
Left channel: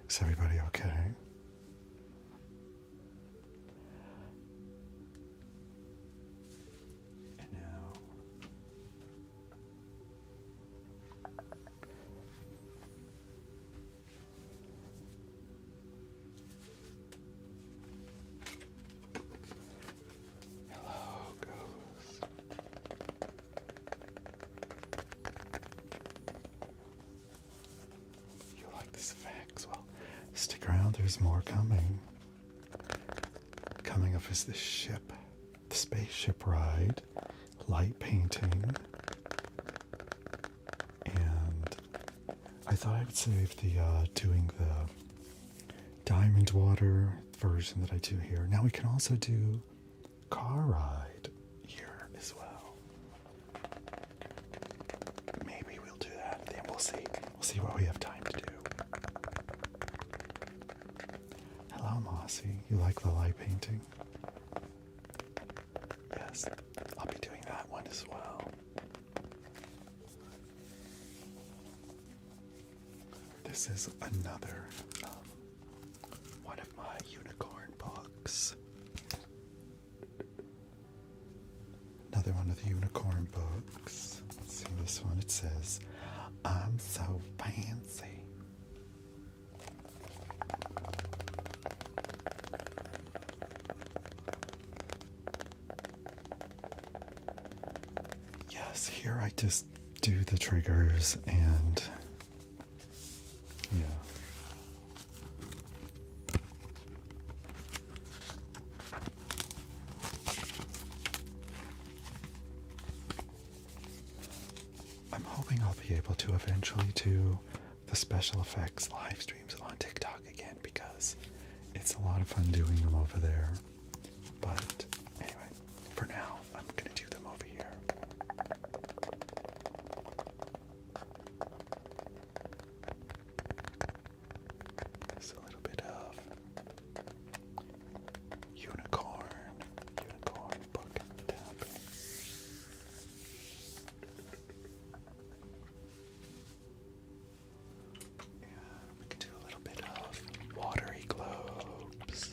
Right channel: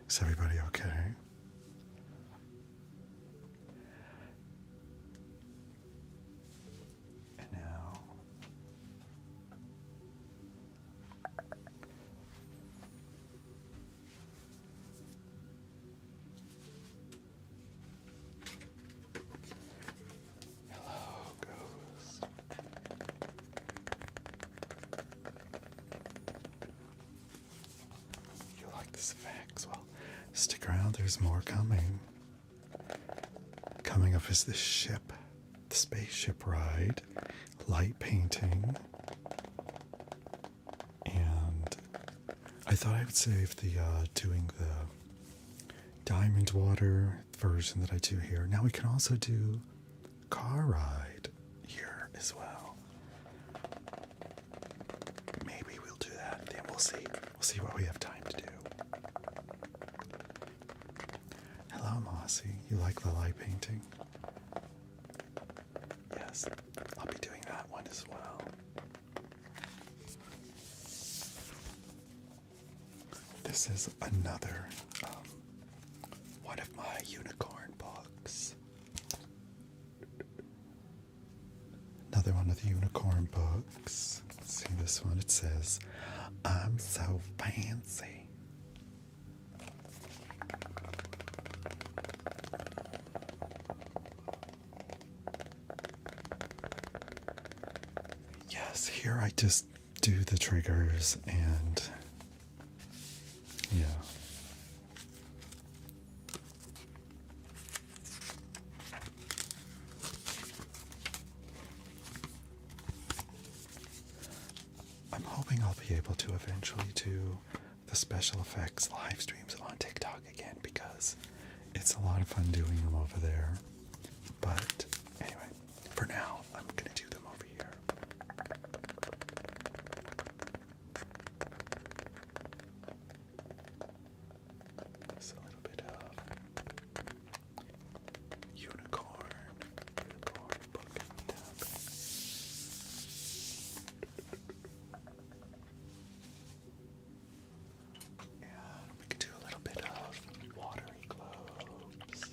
Is everybody okay? And now, hello, ghosts. You like this effects? Well, stick around, there's more coming. Coming up is the ship, the spaceship ride, light painting, and I thought I would save the doing the diamond water version that I do here. Now we can also do car ride here as well. Maybe we'll do that, then we'll see. We'll see what we have time to do. Hello, Mossy. You like the light painting? Yes, I'll be doing that one as well. This is another one of my unicorn books. Another one of the unicorn books. Let's see this one. It says, "I'm so fancy." Yes, here I just do the triggers and yeah. I'm hoping I'll be able to eventually do the special effects live streams on TikTok again because it's a lot of fun doing them over there. But anyway, for now, I'm going to do them over here. There's a little bit of unicorn book tapping. We could do a little bit of watery globes.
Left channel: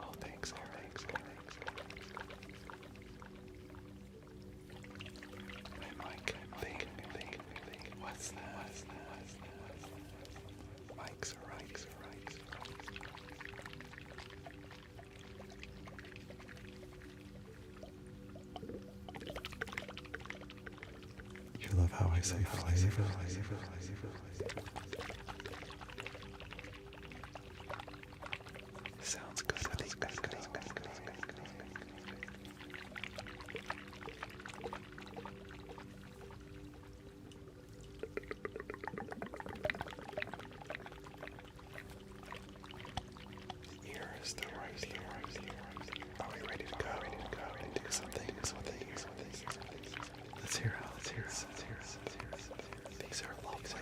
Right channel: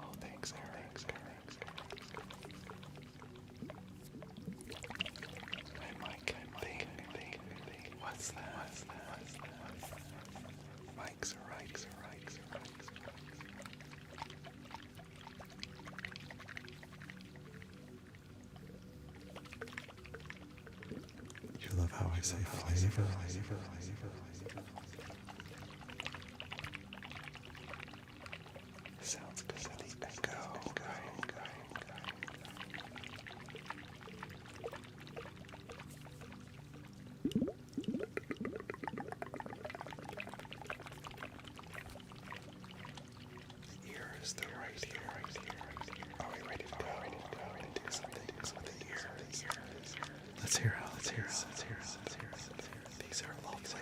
Oh, thanks, Eric. Hey, Mike. Think. What's that? Mike's right. You love how I say flavor. Sounds good to the echo. Ears, they're right here. Are we ready to go and do some things with the ears? Let's hear. These are lovely.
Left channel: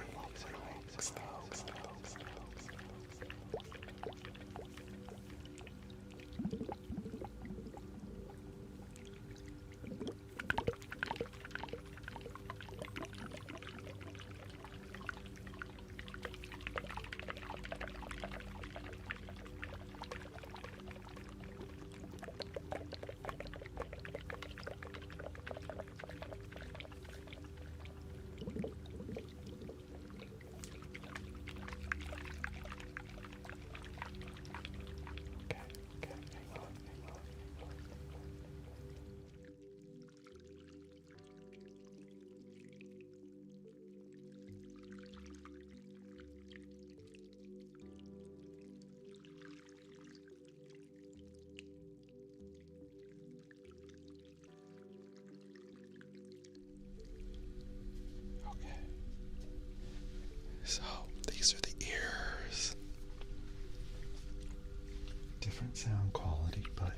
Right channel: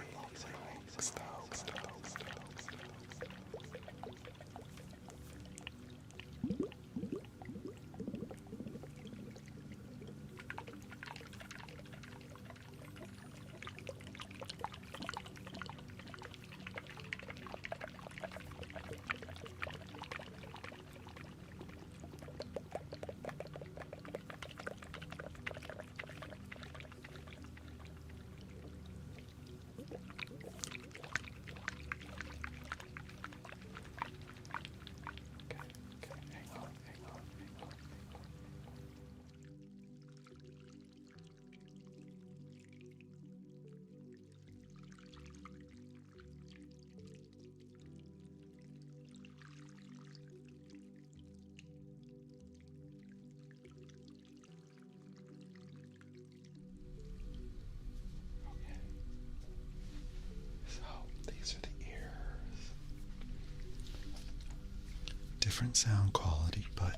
different sound quality, but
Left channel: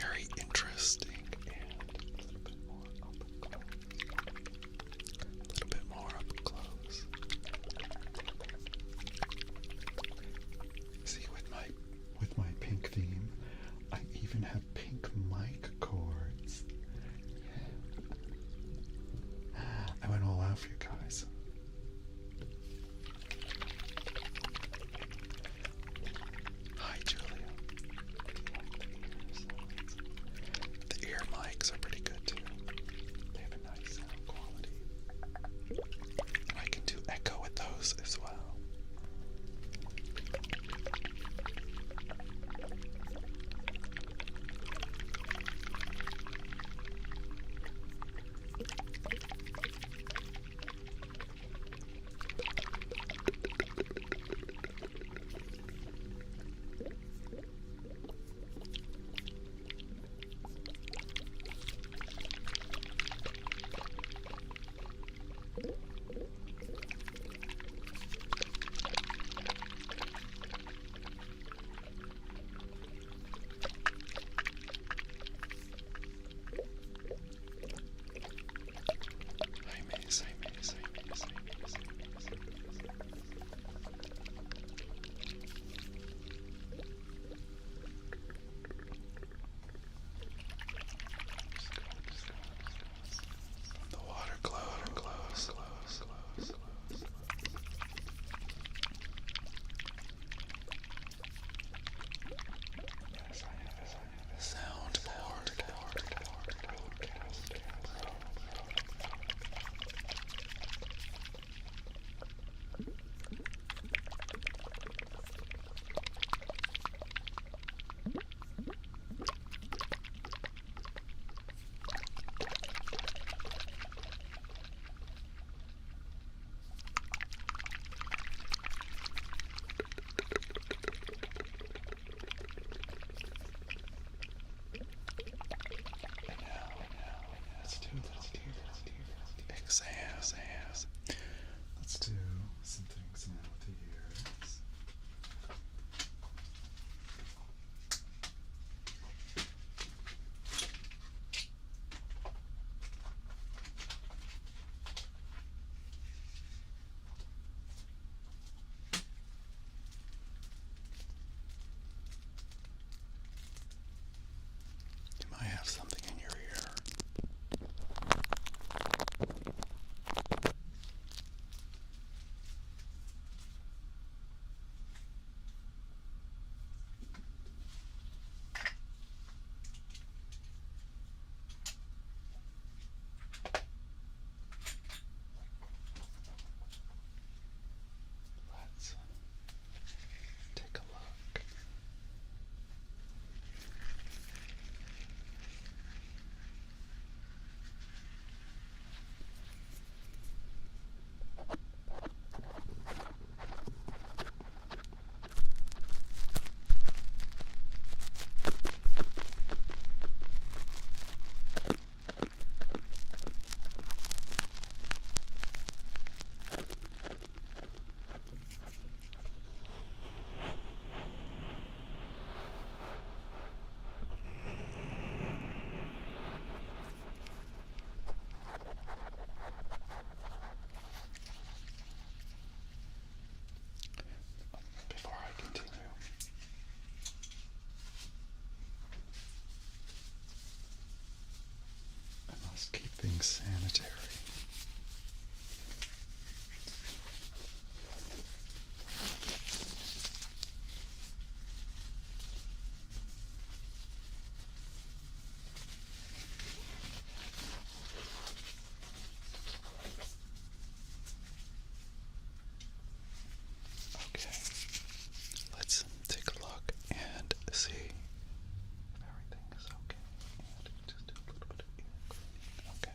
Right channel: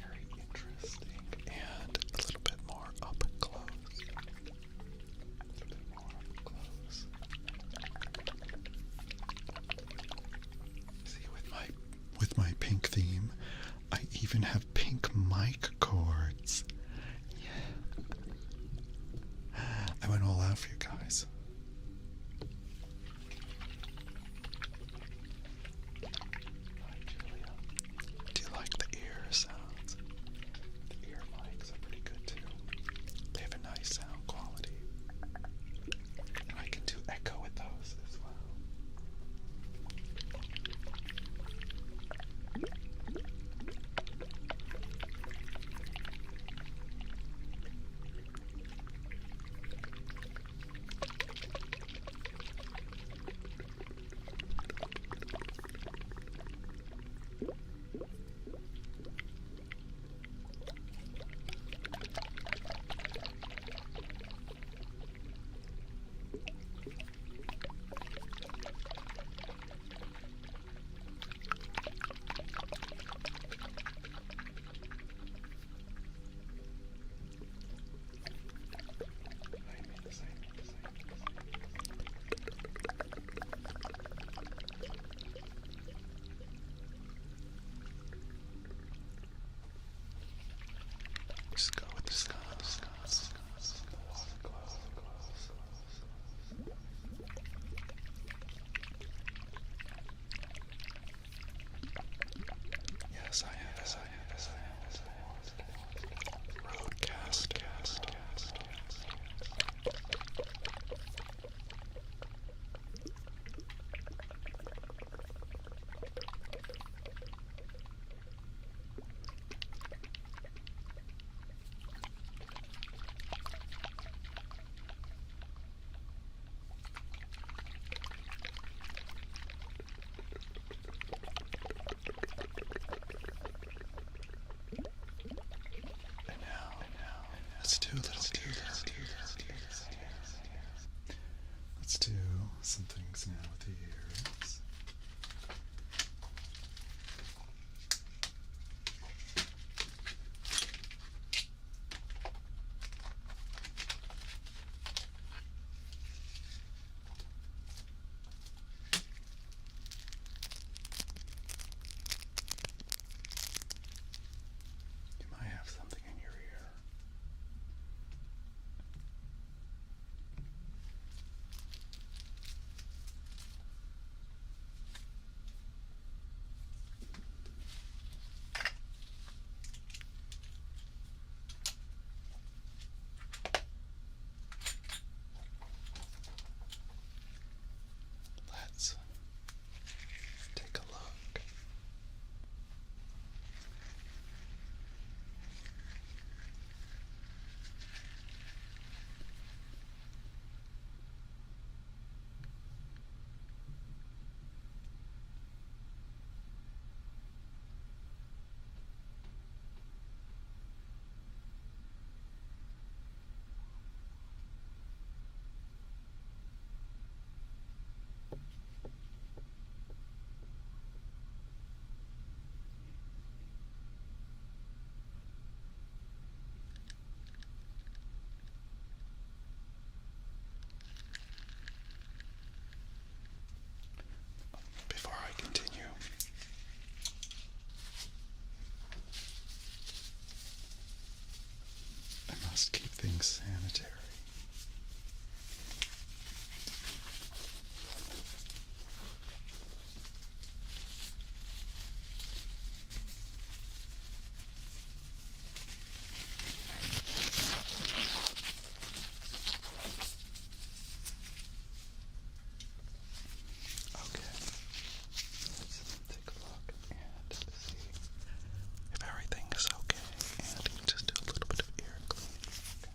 very interesting and a little bit more up close. A little bit more up close. See, with my pink theme, I even have pink mic cords. Yeah. I went all out for you guys. Hi, Julia. Do you like the ear sounds? The ear mics are pretty good too. They have a nice sound quality. And I can do echo with those as well. Just go with the sounds. The water glows. Yes, I have a soundboard. Roadcaster. Let's do a little ear exam. Let's do some things now with the ears. You might have something in your ear. Let's take a look. Before I continue, I must keep things sanitary. Okay, let's take a look and see if everything is okay, and just do a little bit of ear cleaning. Okay.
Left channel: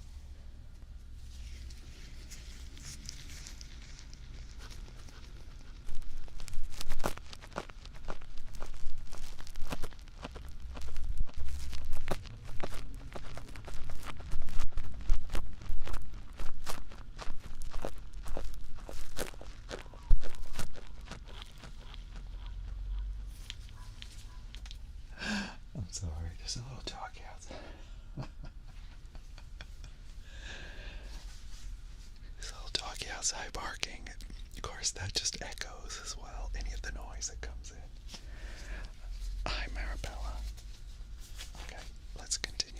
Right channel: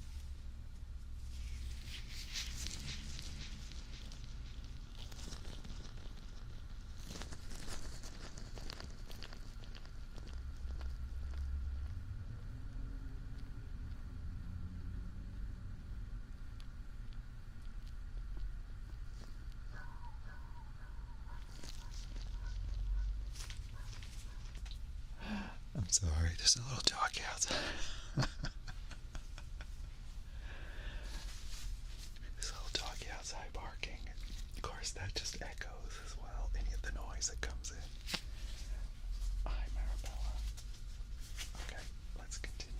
Sorry, there's a little doggy outside. There's a little doggy outside barking. Of course, that just echoes as well, any of the noise that comes in. Hi, Marabella. Okay, let's continue.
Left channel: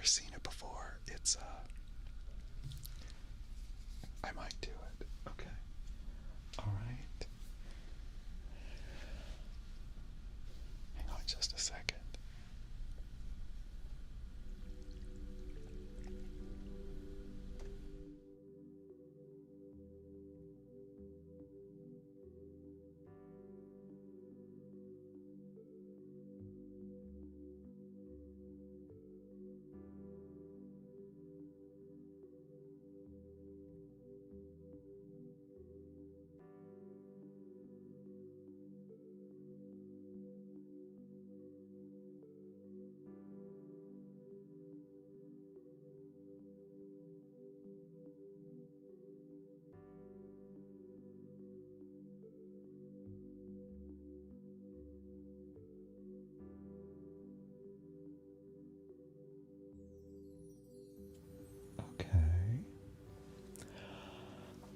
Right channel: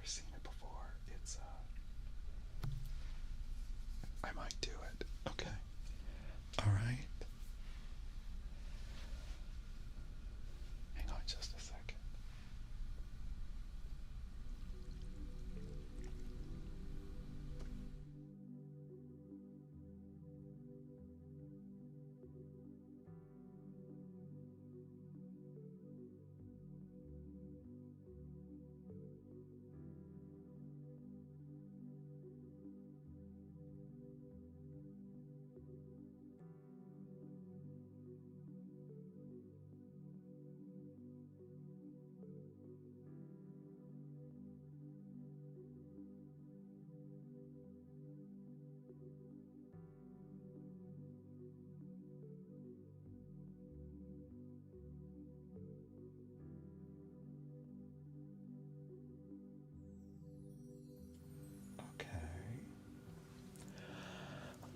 never seen it before. It's I might do it. Okay. All right. Hang on just a second.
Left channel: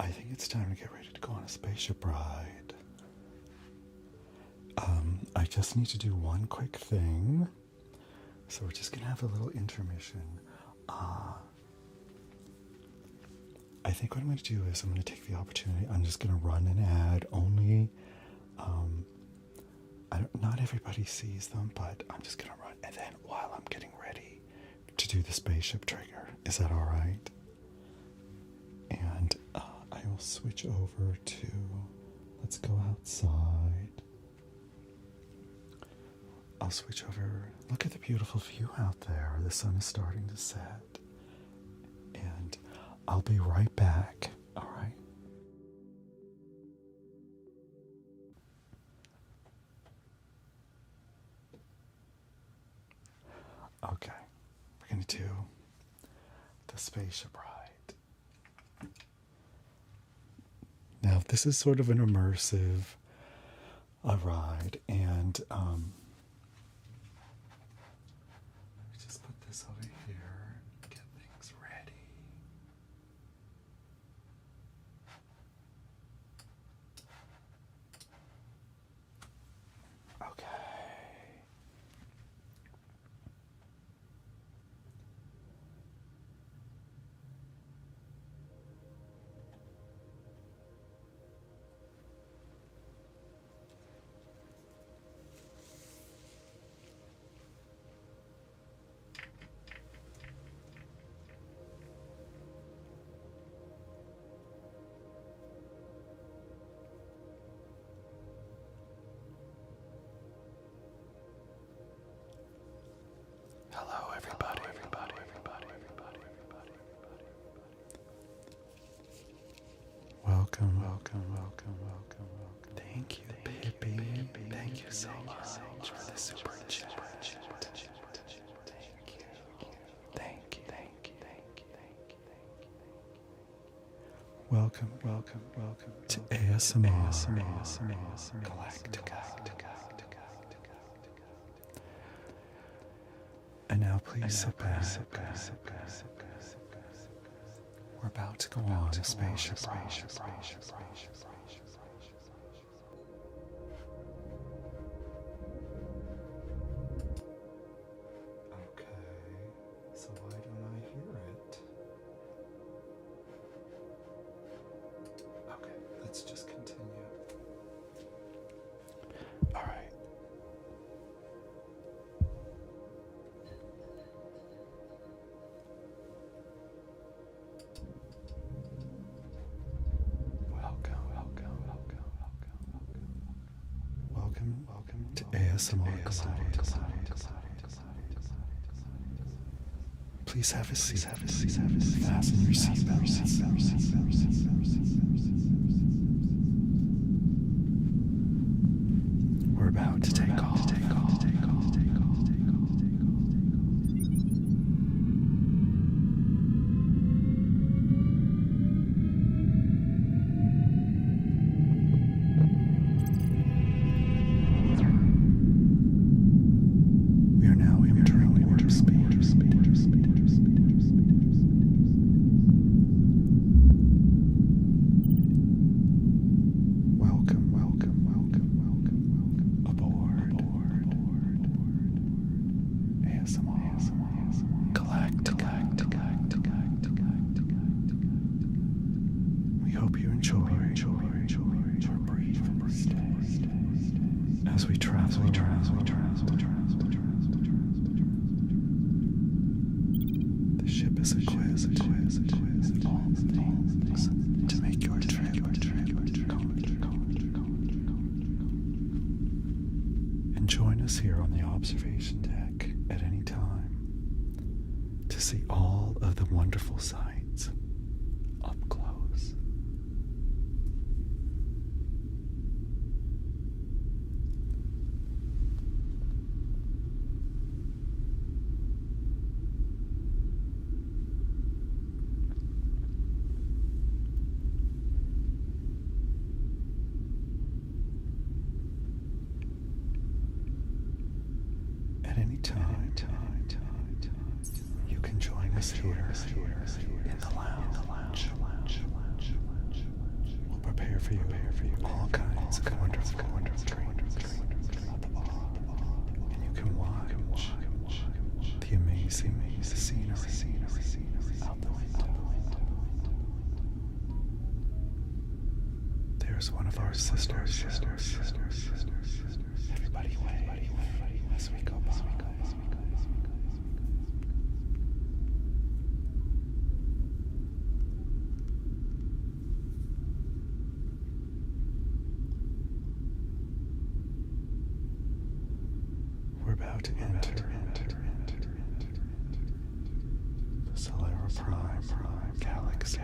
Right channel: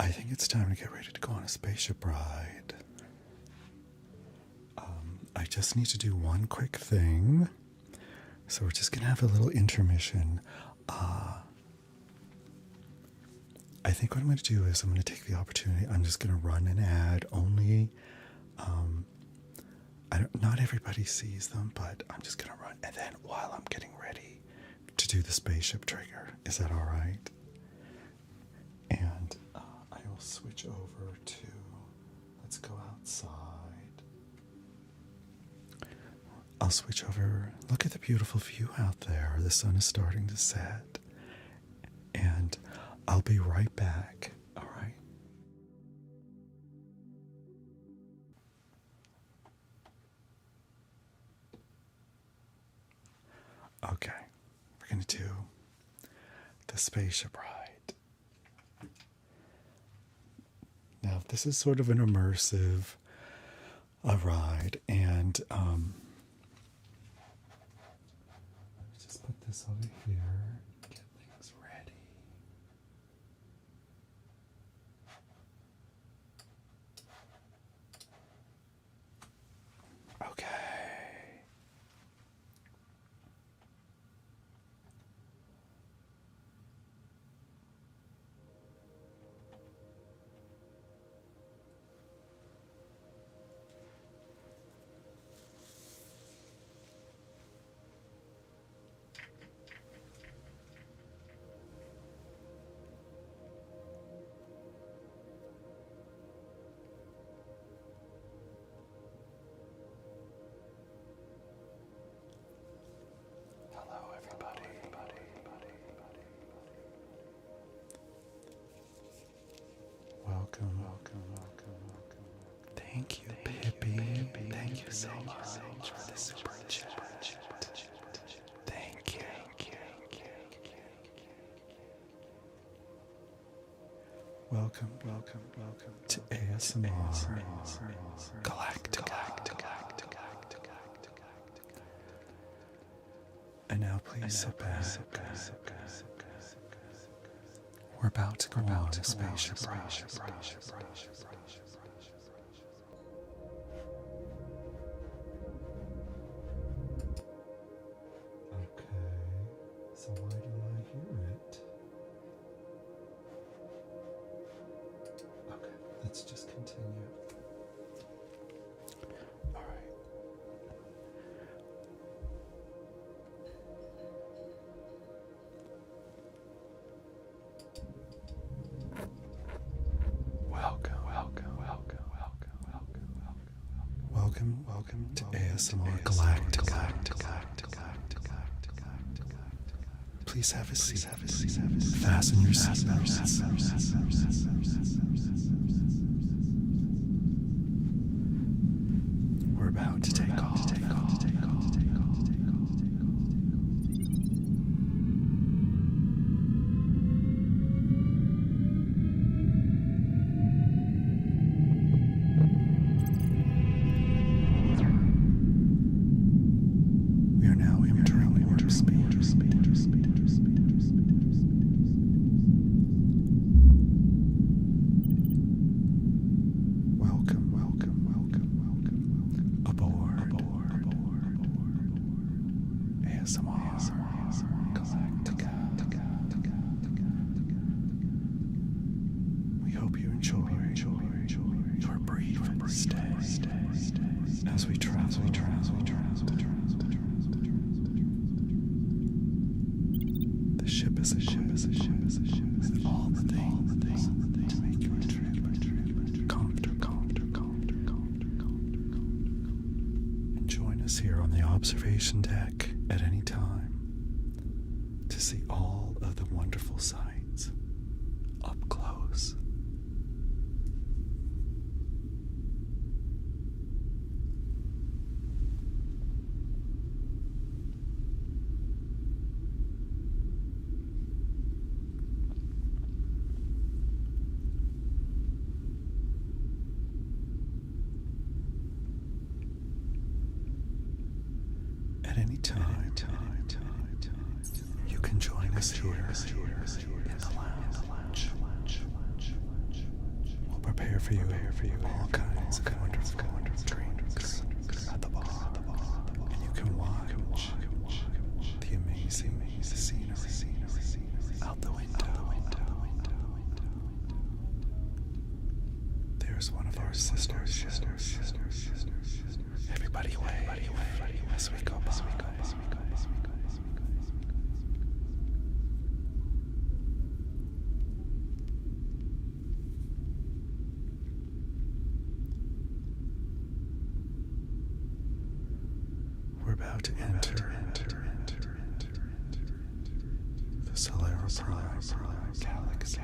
I think it's time to get ready to go on a spaceship ride. I just need to do one quick thing. So we're just going to have a little intermission. I think what I'm going to do is I'm going to take the opportunity. I'm just going to run an ad only. Not everybody sees them, but I'm just going to run. And then while I'm getting ready to do the spaceship trigger, is that all right? And I will switch over to, let's go outside. I'll switch over. Look at the beautiful view out there. The sun is starting to set. And I'll be right back. All right. Okay. We're going to do the spaceship ride. Now, this is sort of an immersive ride, and let me just put this over here, get things ready. Okay. Welcome. Thank you, Pippi. Thank you so much for the super chat. Thank you. Welcome to ASMR Galactic. And now please sit back. We're about to go on a spaceship ride. Okay, so why don't I hear it? Okay, let's just continue. All right. Welcome to ASMR Galactic. Please have a seat. Fasten your seatbelts. We're about to take off. Welcome aboard. The ship is equipped with all the things to make your trip comfortable. And join us here on the observation deck at any time to see all of the wonderful sights up close. At any time, you can join us here in the lounge. We'll prepare for you all kinds of wonderful drinks at the bar. You can watch the amazing scenery out the window. There's one of our sisters. Everybody wave as we go by. We're about to enter the Solera Prime Galaxy.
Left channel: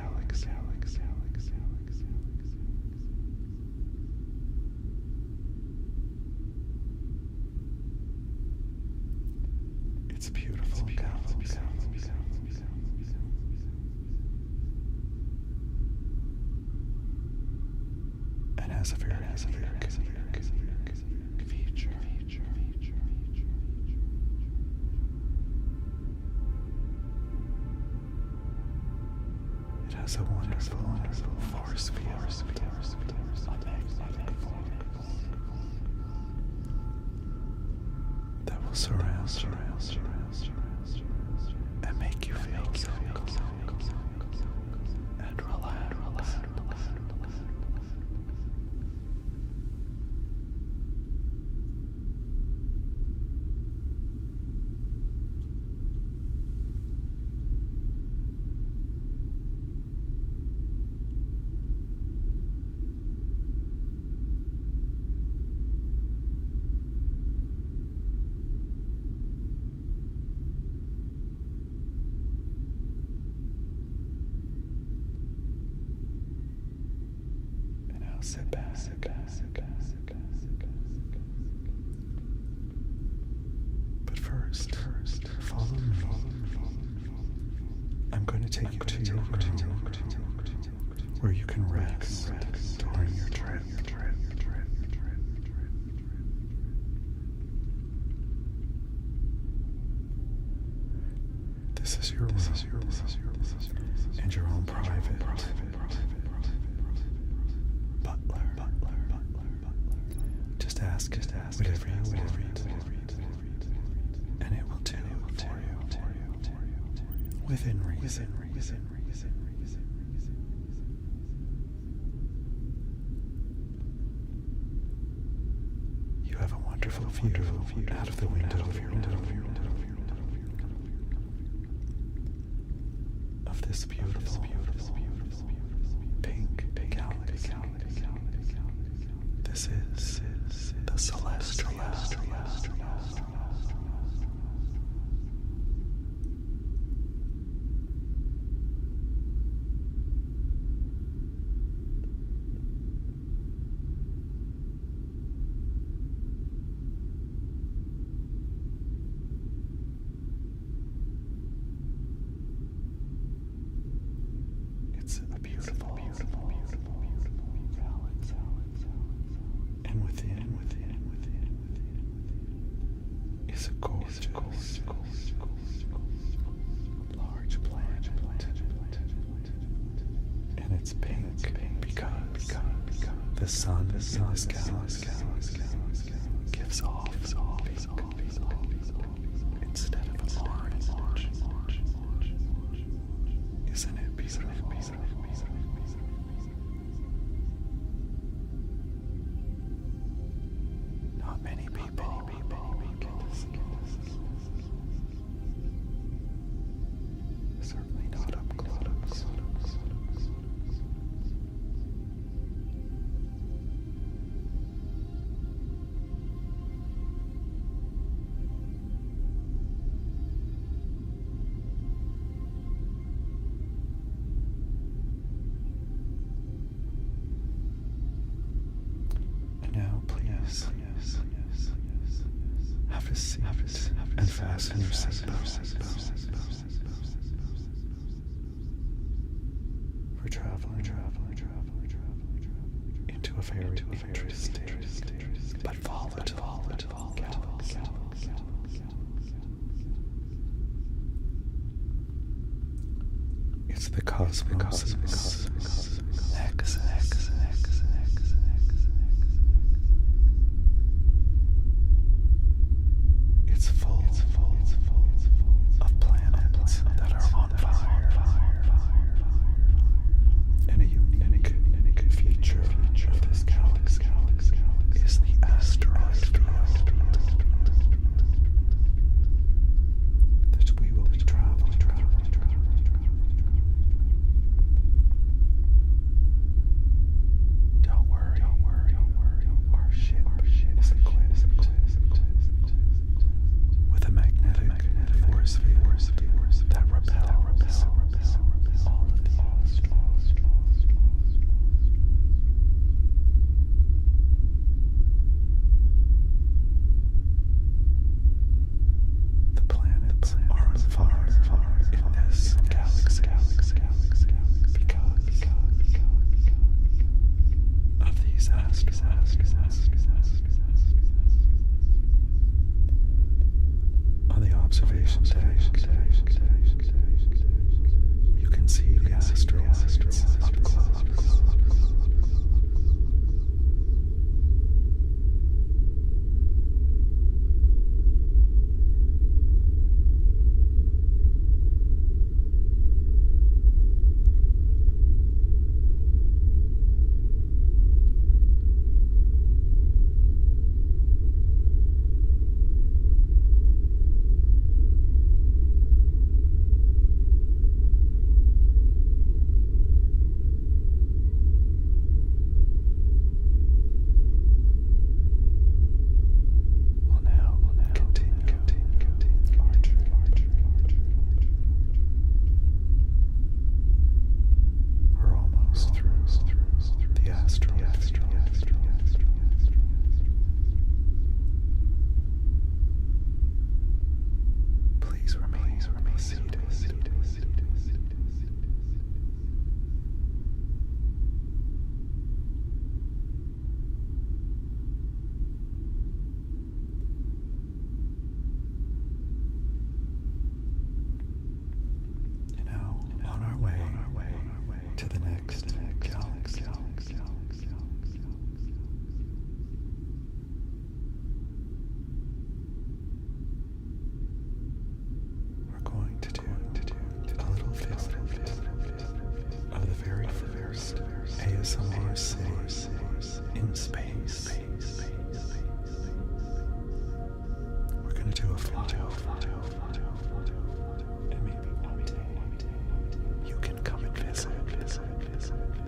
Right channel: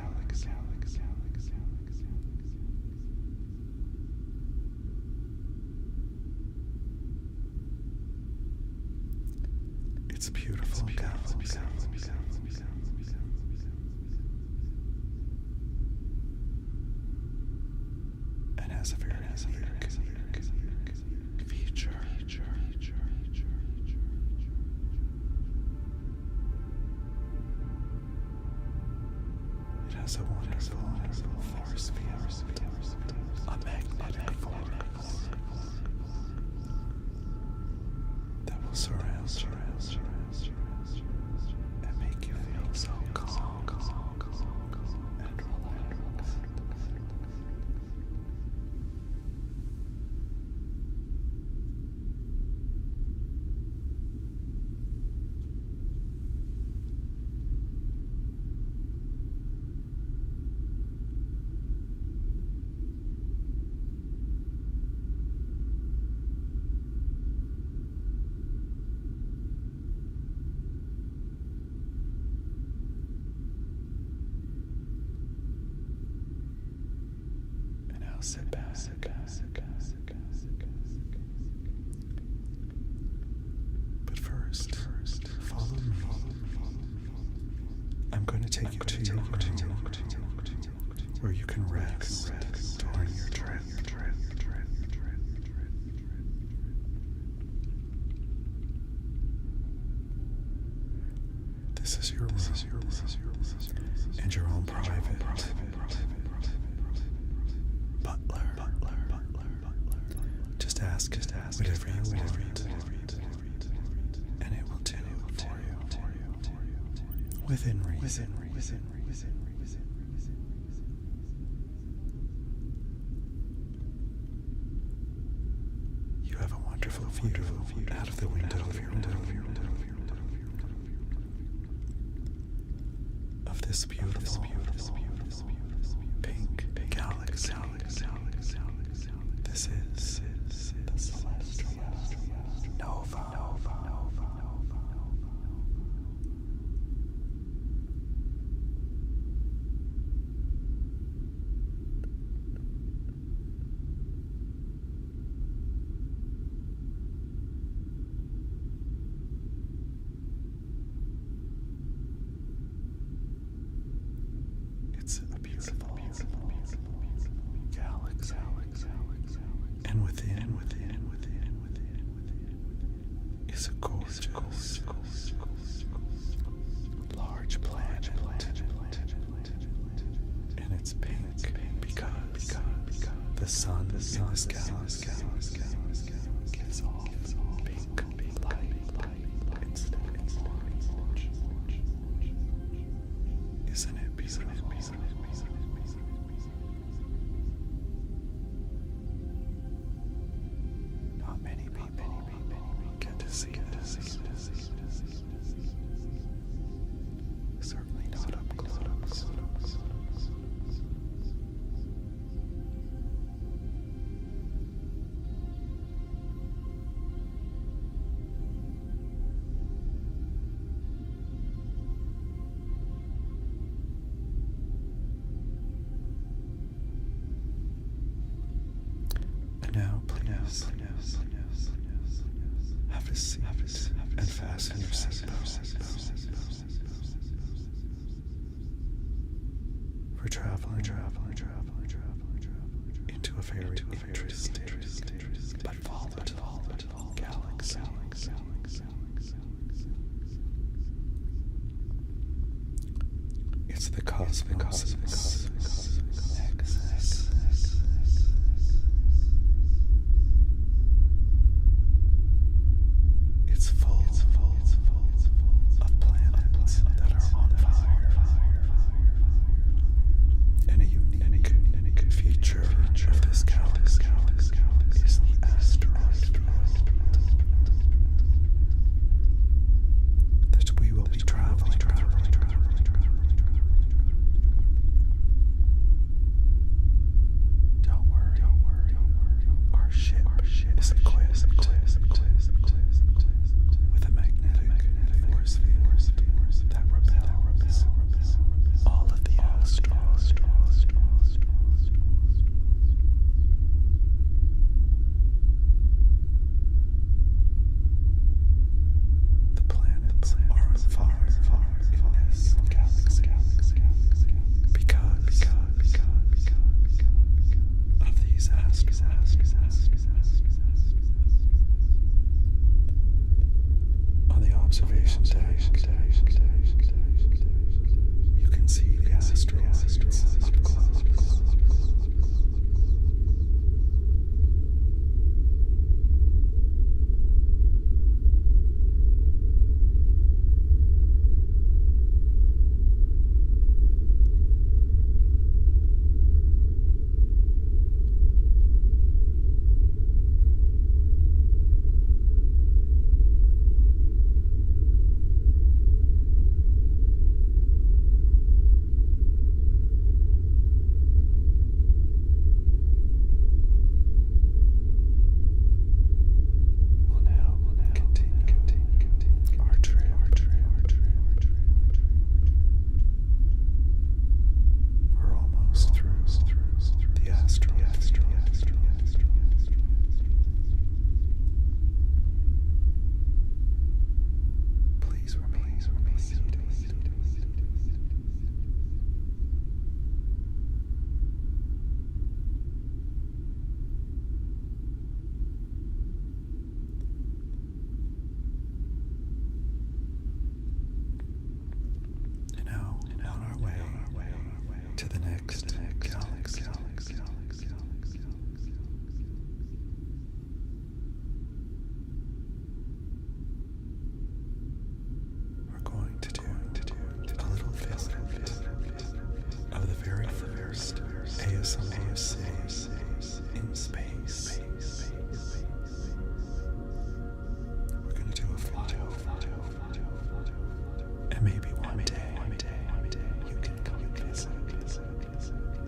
It's a beautiful galaxy. And has a very unique feature. It has a wonderful force field, a magnetic force that will surround and make you feel so calm and relaxed. Sit back. But first, follow me. I'm going to take you to your room where you can rest during your trip. This is your room and your own private butler. Just ask it whatever you want, and it will do it for you within reason. You have a wonderful view out of the window of your room of this beautiful pink galaxy. This is the celestial nova. It's a beautiful galaxy. And within is a gorgeous large planet. And it's pink because the sun in this galaxy gives off pink light instead of orange. Isn't it beautiful? Not many people get to see this. into a very interesting but volatile galaxy. It's the cosmos' nexus. It's full of planets that are on fire. And a unique feature of this galaxy is the asteroid field that we will be traveling through. Don't worry. Our ship is equipped with a magnetic force field that repels all of the asteroids. The planets are on fire in this galaxy because of these asteroids. On the observation deck, you can see the asteroids up close. To the next galaxy. We're going to do a little visit of the very first ASMR save in space. We're going to do a flyover, and maybe one day you can come and visit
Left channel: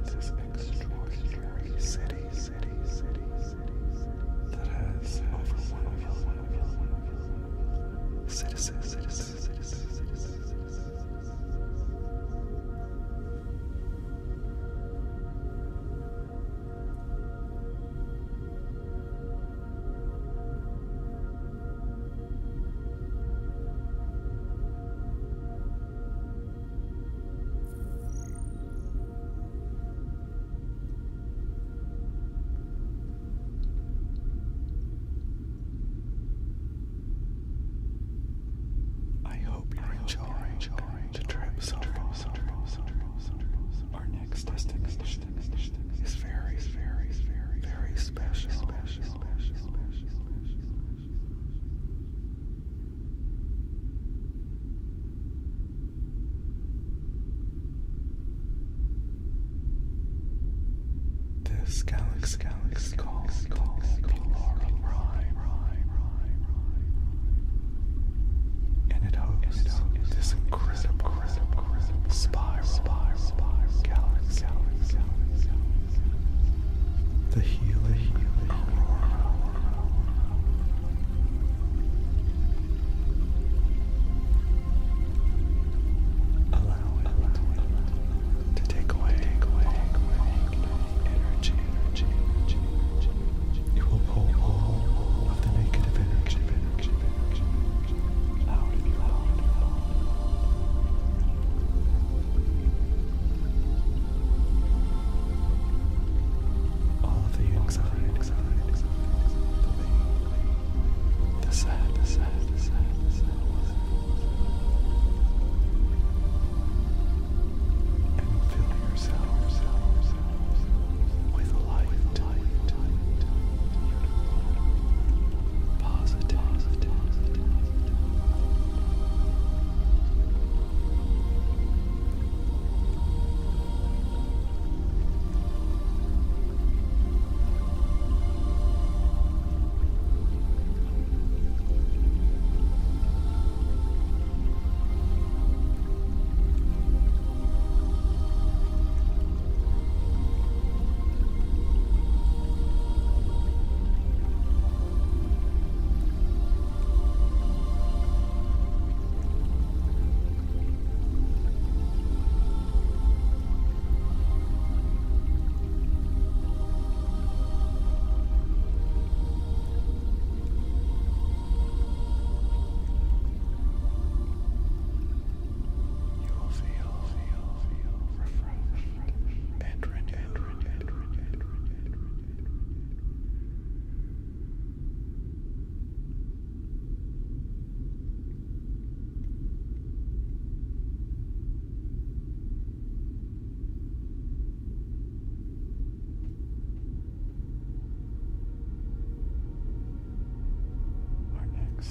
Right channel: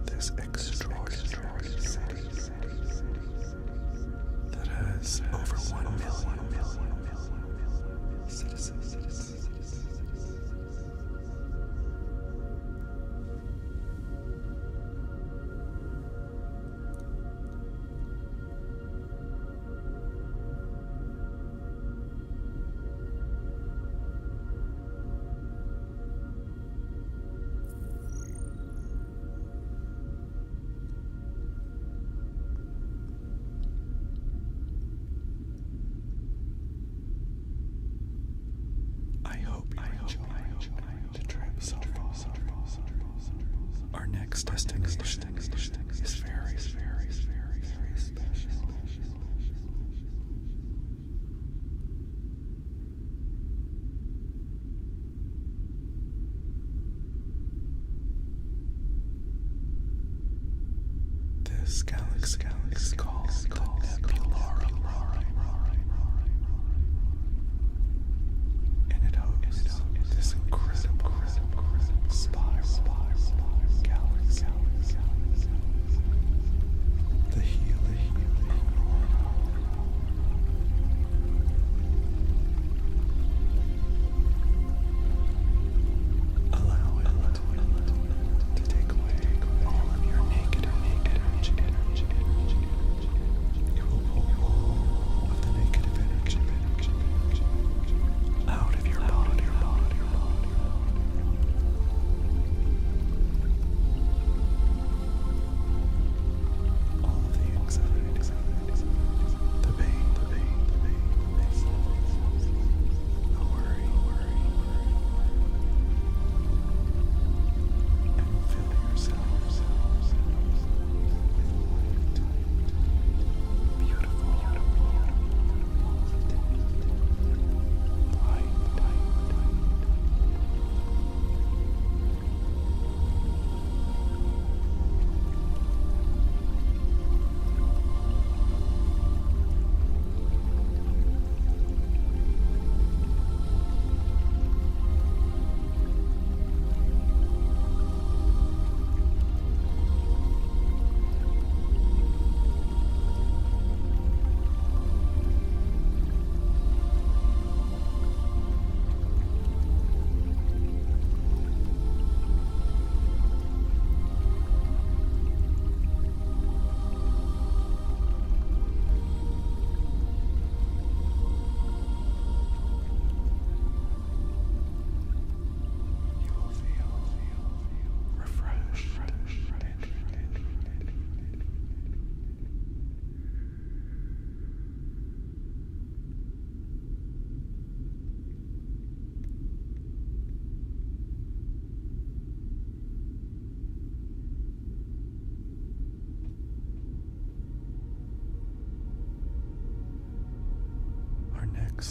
this extraordinary city that has over 1 million citizens. Enjoying the trip so far. Our next destination is very special. This galaxy is called the Nebula Prime, and it hosts this incredible spiral galaxy, the Healy Aurora. Allow it to take away all of your negative energy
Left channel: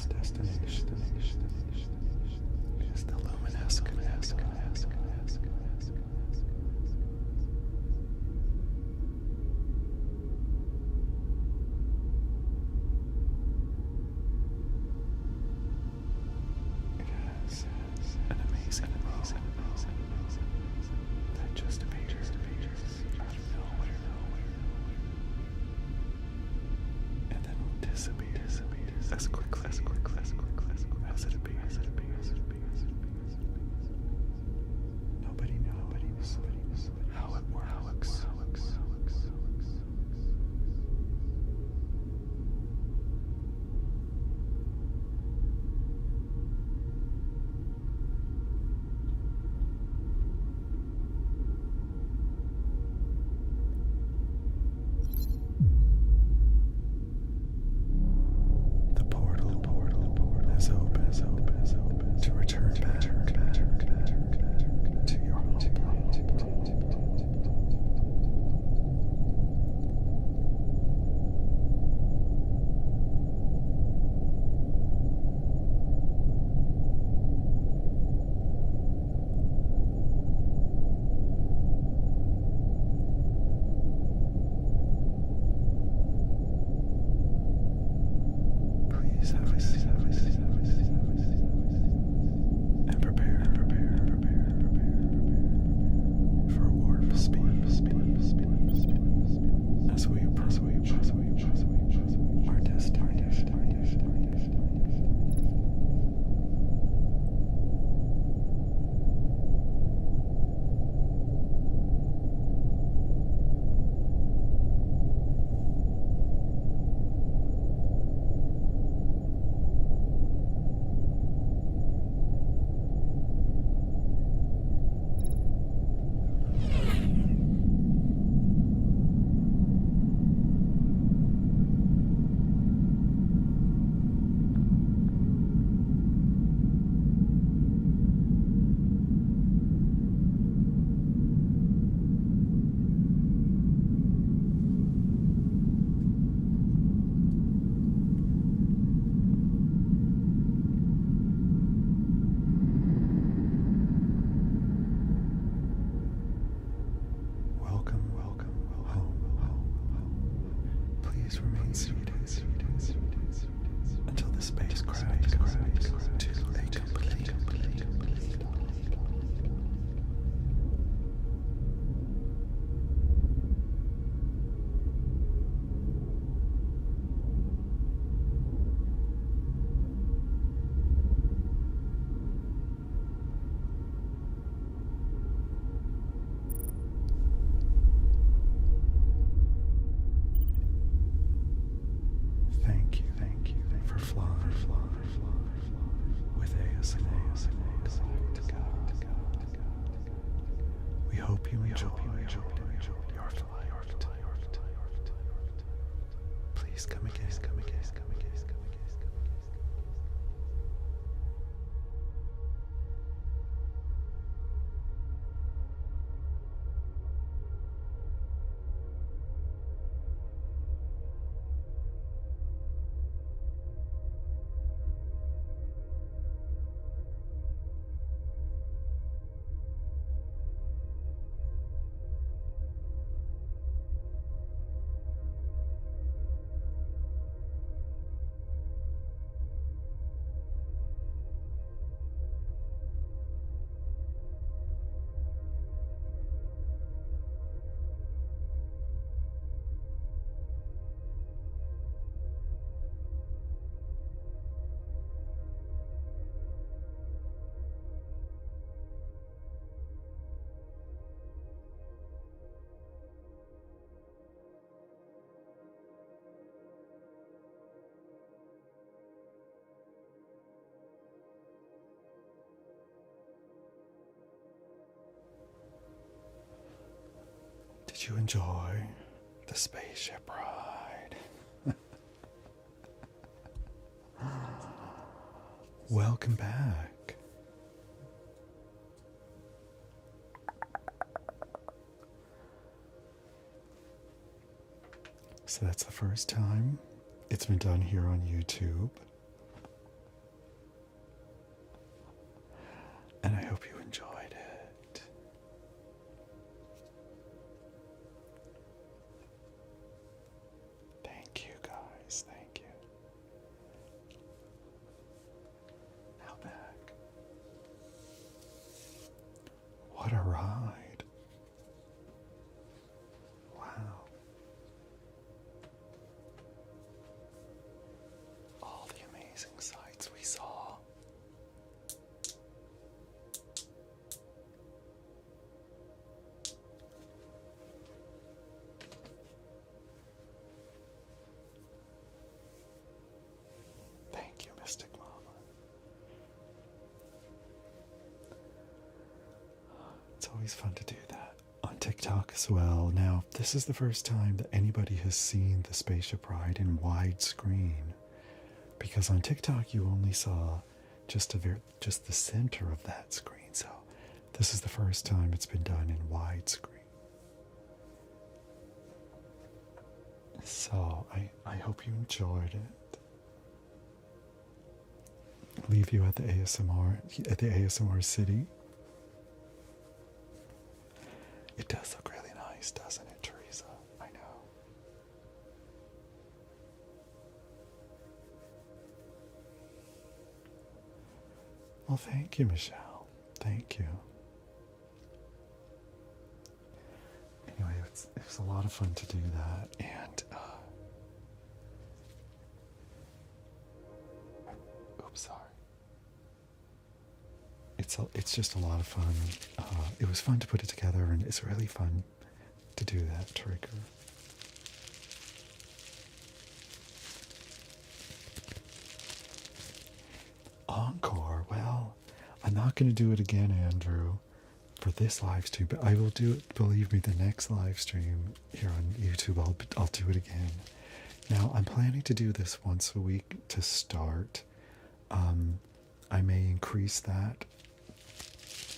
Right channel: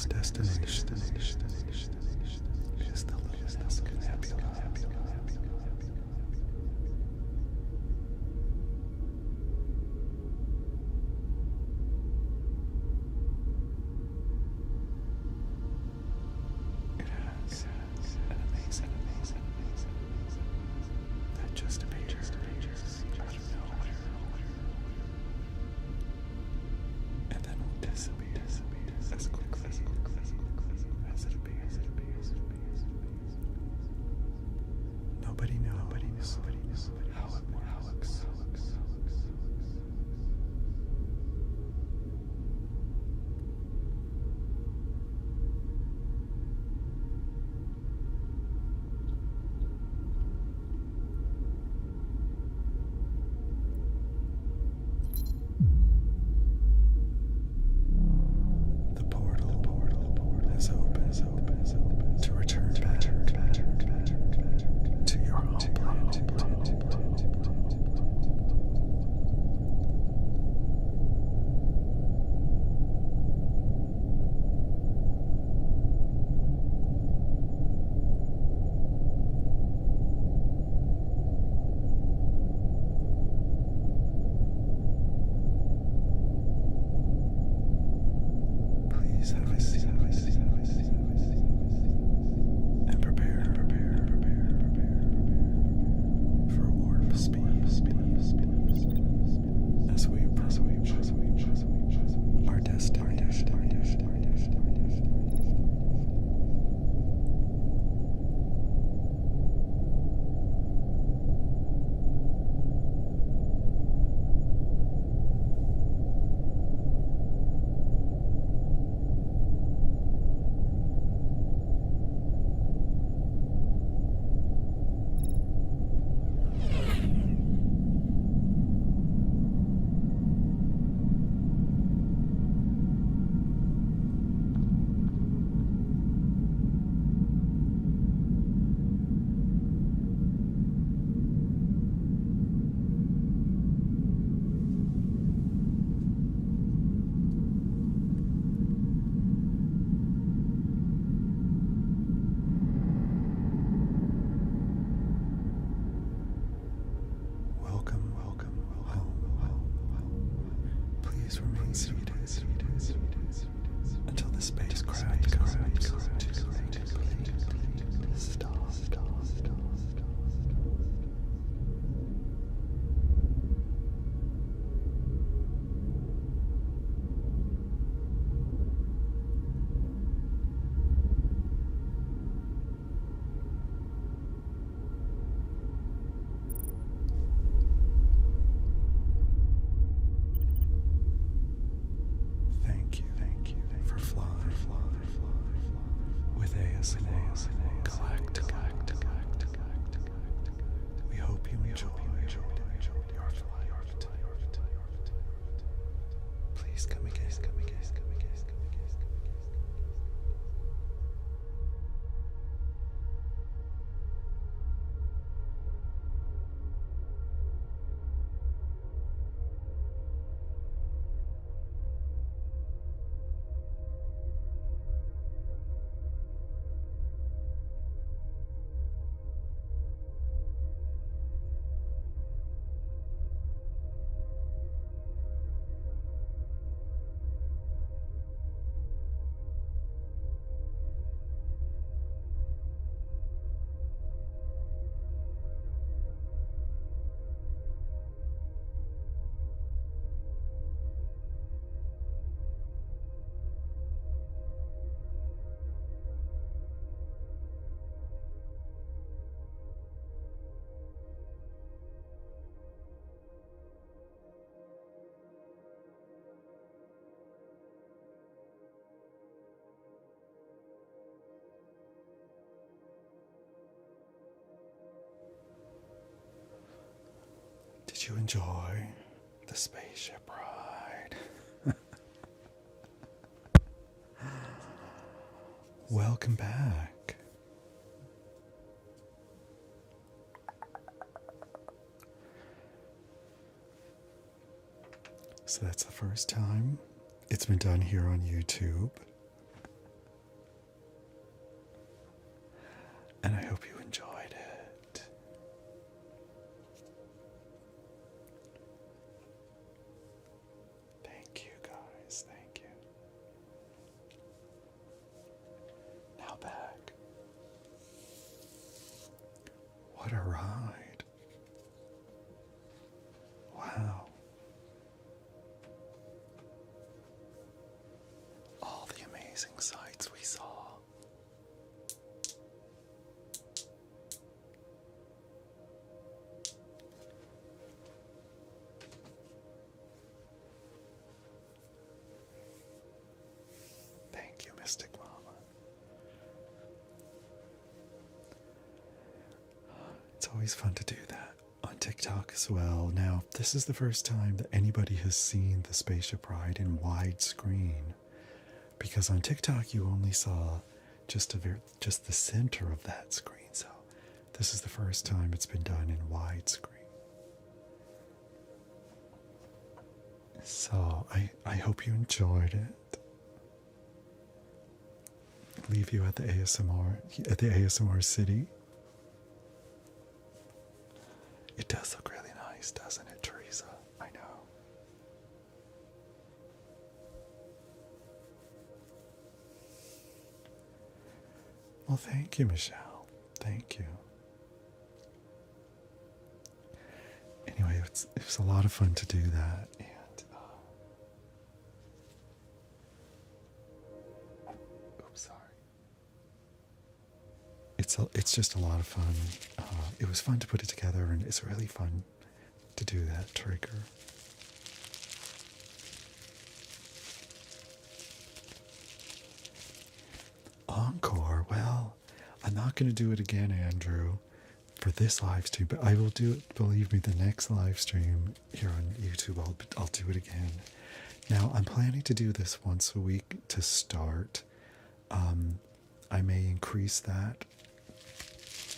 destination is the luminescent nebula. It has an amazing glow that just appears out of nowhere and then will dissipate as quickly as it appears. Nobody knows how it works. The portal is open to return back to your home planet. Please have a seat and prepare for warp speed as we approach our destination. Welcome home. Please remain seated until the spacecraft comes to a complete stop. Thank you for flying with ASMR Galactic. We hope you enjoy your flight. Please come again. Did you enjoy the spaceship ride? Welcome back. So that's the first time it's been done here on YouTube. What a ride. Wow. All the amazing sights we saw. Thank you, Mystic Mama. It's always fun to do that on TikTok as well. Now, this is the first time that anybody has seen the spaceship ride in widescreen, because on TikTok you only saw just the center of that screen. So this is the first time it's been done in widescreen. So I hope you enjoyed it. Leave you at the ASMR City. It does look really nice, doesn't it, Teresa? I know. Well, thank you, Michelle. Thank you. Anyway, it was a lot of fun to do that, and oops, sorry. It's just a lot of fun. It was fun to put it together, and it's really fun to do that trigger. Encore. Well, I'm not going to do it again, Andrew, for this live stream, but I will do it. Believe me, the next live stream here on YouTube, I'll do it again. Now, I'm planning to do this once a week to start. I may increase that.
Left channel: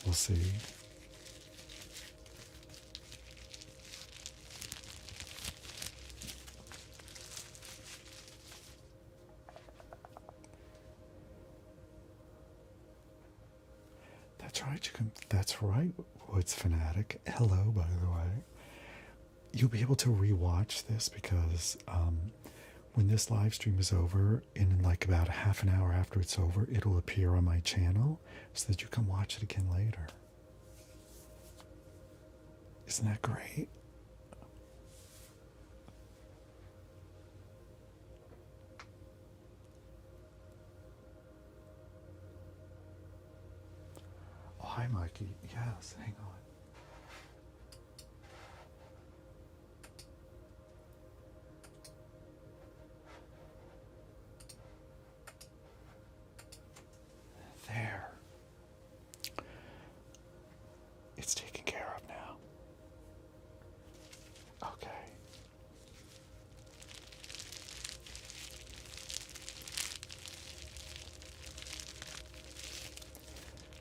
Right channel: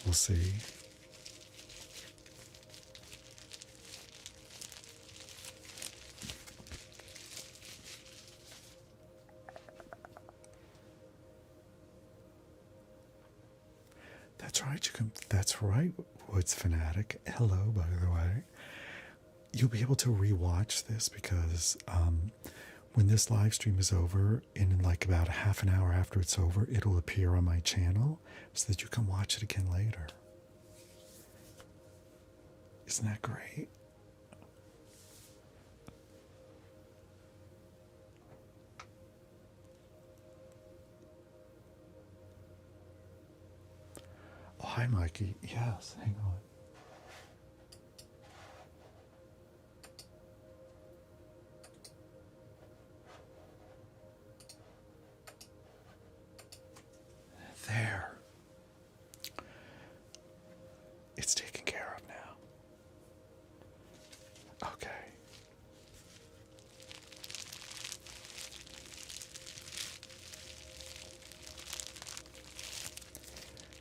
We'll see. That's right. That's right, Woods Fanatic. Hello, by the way. You'll be able to rewatch this because when this live stream is over, in like about a half an hour after it's over, it'll appear on my channel so that you can watch it again later. Isn't that great? Oh, hi, Mikey. Yes, hang on. There. It's taken care of now. Okay.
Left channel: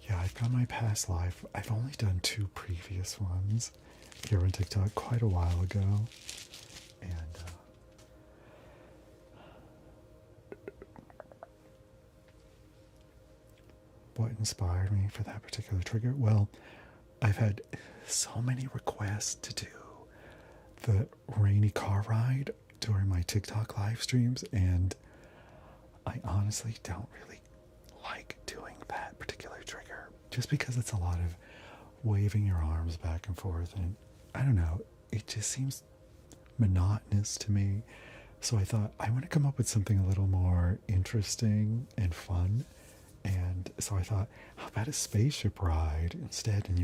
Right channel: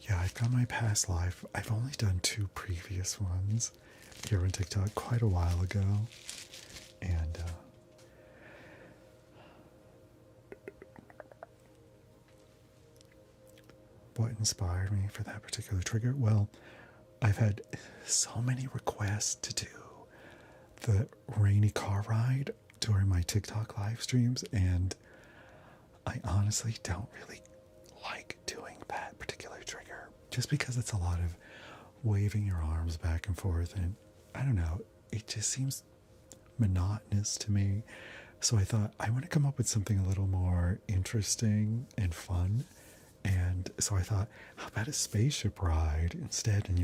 Yeah, I've got my past life. I've only done 2 previous ones here on TikTok quite a while ago. And what inspired me for that particular trigger? Well, I've had so many requests to do the rainy car ride during my TikTok live streams, and I honestly don't really like doing that particular trigger just because it's a lot of waving your arms back and forth, and I don't know, it just seems monotonous to me. So I thought I want to come up with something a little more interesting and fun. And so I thought, how about a spaceship ride instead? And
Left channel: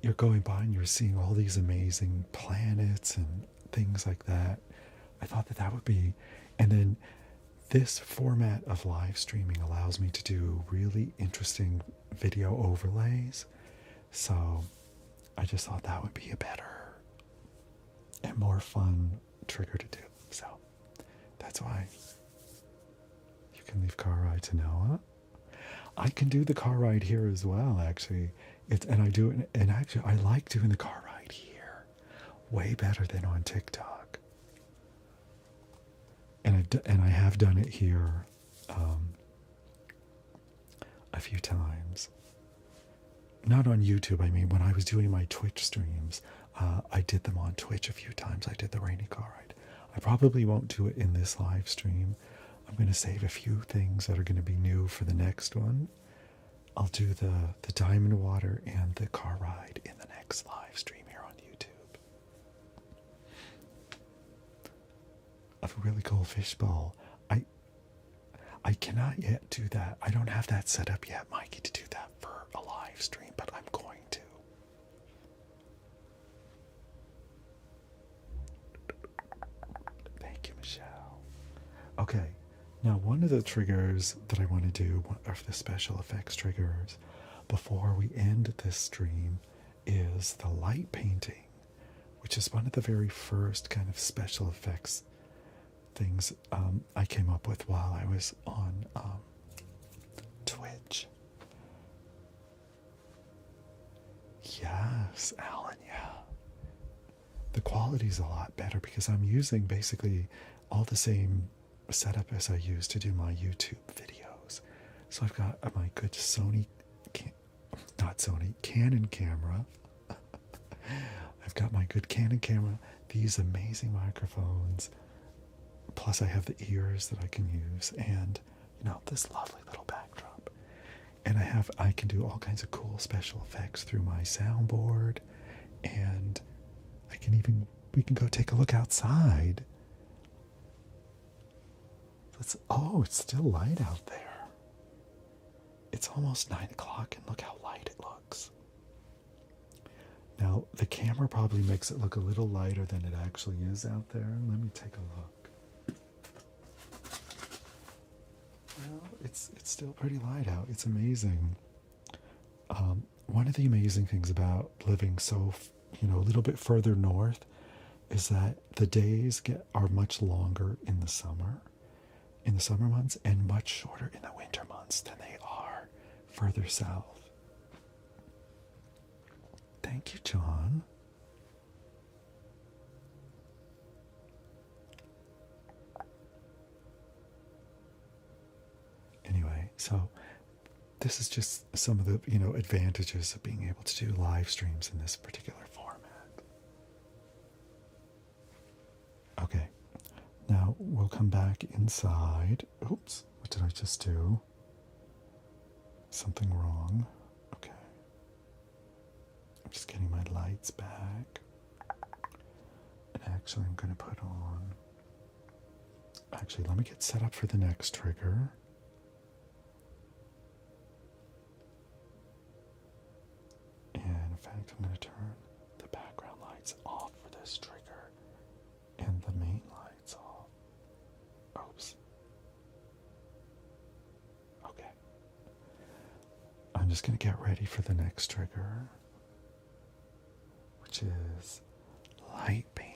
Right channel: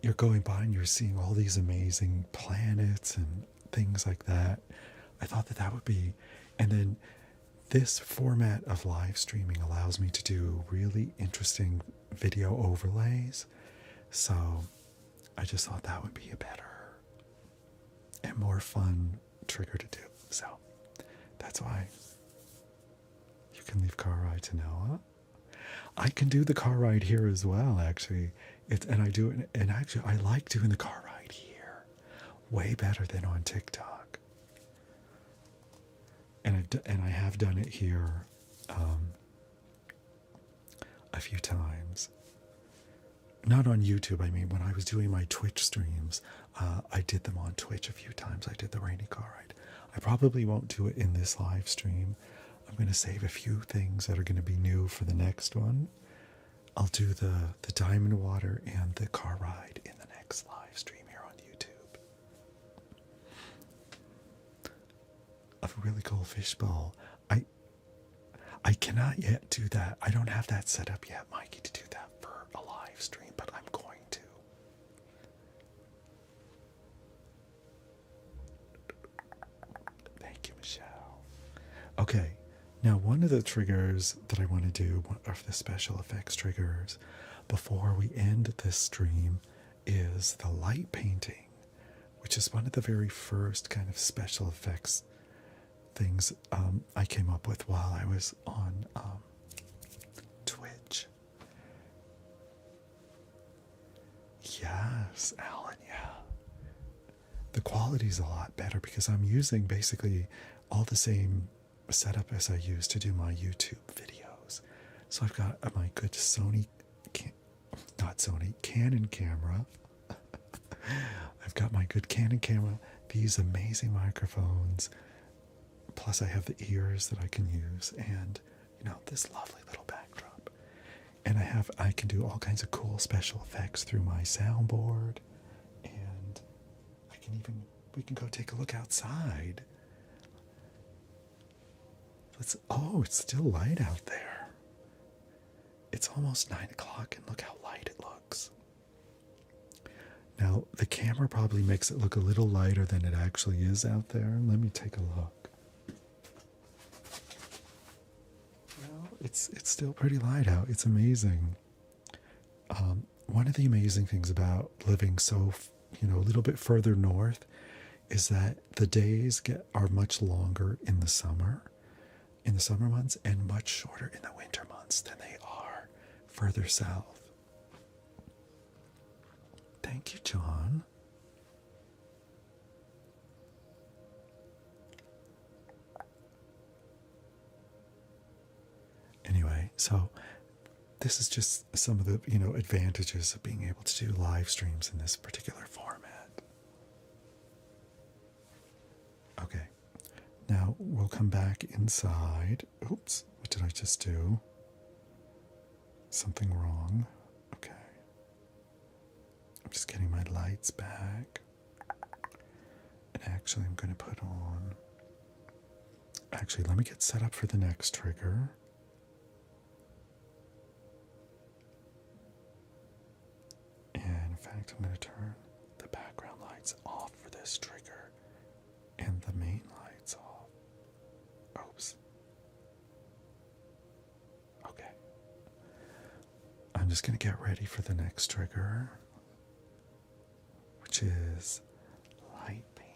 you're going by and you're seeing all these amazing planets and things like that. I thought that would be, and then this format of live streaming allows me to do really interesting video overlays. So I just thought that would be a better and more fun trigger to do. So that's why you can leave car ride to Noah. I can do the car ride here as well, actually. And I do it, and actually I like doing the car ride here way better than on TikTok. And I have done it here a few times. Not on YouTube, I mean, when I was doing my Twitch streams, I did them on Twitch a few times. I did the rainy car ride. I probably won't do it in this live stream. I'm going to save a few things that are going to be new for the next one. I'll do the diamond water and the car ride in the next live stream here on YouTube. Of a really cool fishbowl. I cannot yet do that. I don't have that set up yet, Mikey, to do that for a live stream, but I'm going to. Thank you, Michelle. Okay, now one of the triggers that I want to do, one of the special effects triggers, before we end this stream, is the light painting, which is one of the very first kind of special effects things I came up with while I was on Twitch. Yes, Alan, yeah. The quality's a lot better because I'm using basically all the same setup as I use to do my YouTube videos. So I've got my good Canon camera. I've got my good Canon camera, these amazing microphones, plus I have the ears that I can use, and this lovely little backdrop. And I can do all kinds of cool special effects through my soundboard, and we can go take a look outside. It's still light out there. It's almost 9 o'clock, and look how light it looks. Now, the camera probably makes it look a little lighter than it actually is out there. Let me take a look. It's still pretty light out. It's amazing. One of the amazing things about living so, a little bit further north is that the days are much longer in the summer months, and much shorter in the winter months than they are further south. Thank you, John. Anyway, so this is just some of the, advantages of being able to do live streams in this particular format. Okay, now we'll come back inside. Oops, what did I just do? Something wrong. Okay. I'm just getting my lights back. And actually, I'm going to put on... Actually, let me get set up for the next trigger. And in fact, I'm going to turn the background lights off for this trigger and the main lights off. Oops. Okay. I'm just going to get ready for the next trigger, which is light painting.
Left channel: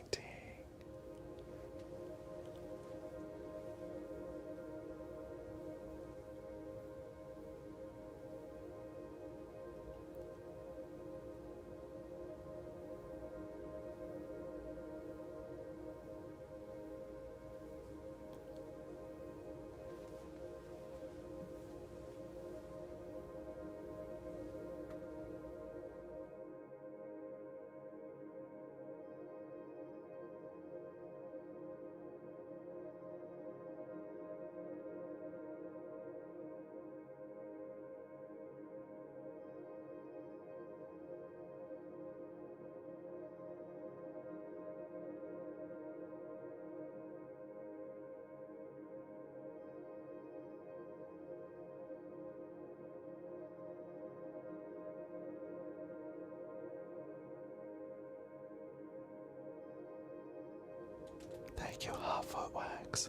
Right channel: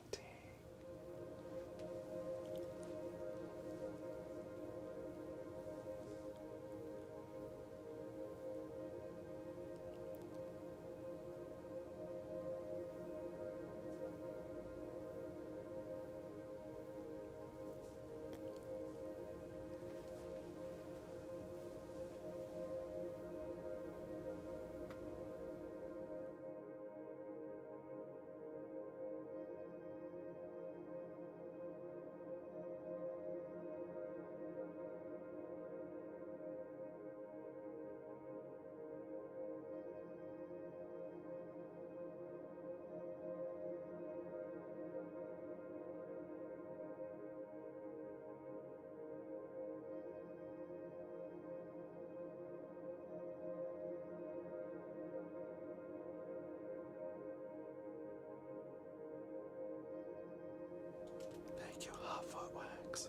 Thank you, Hot Foot Wax.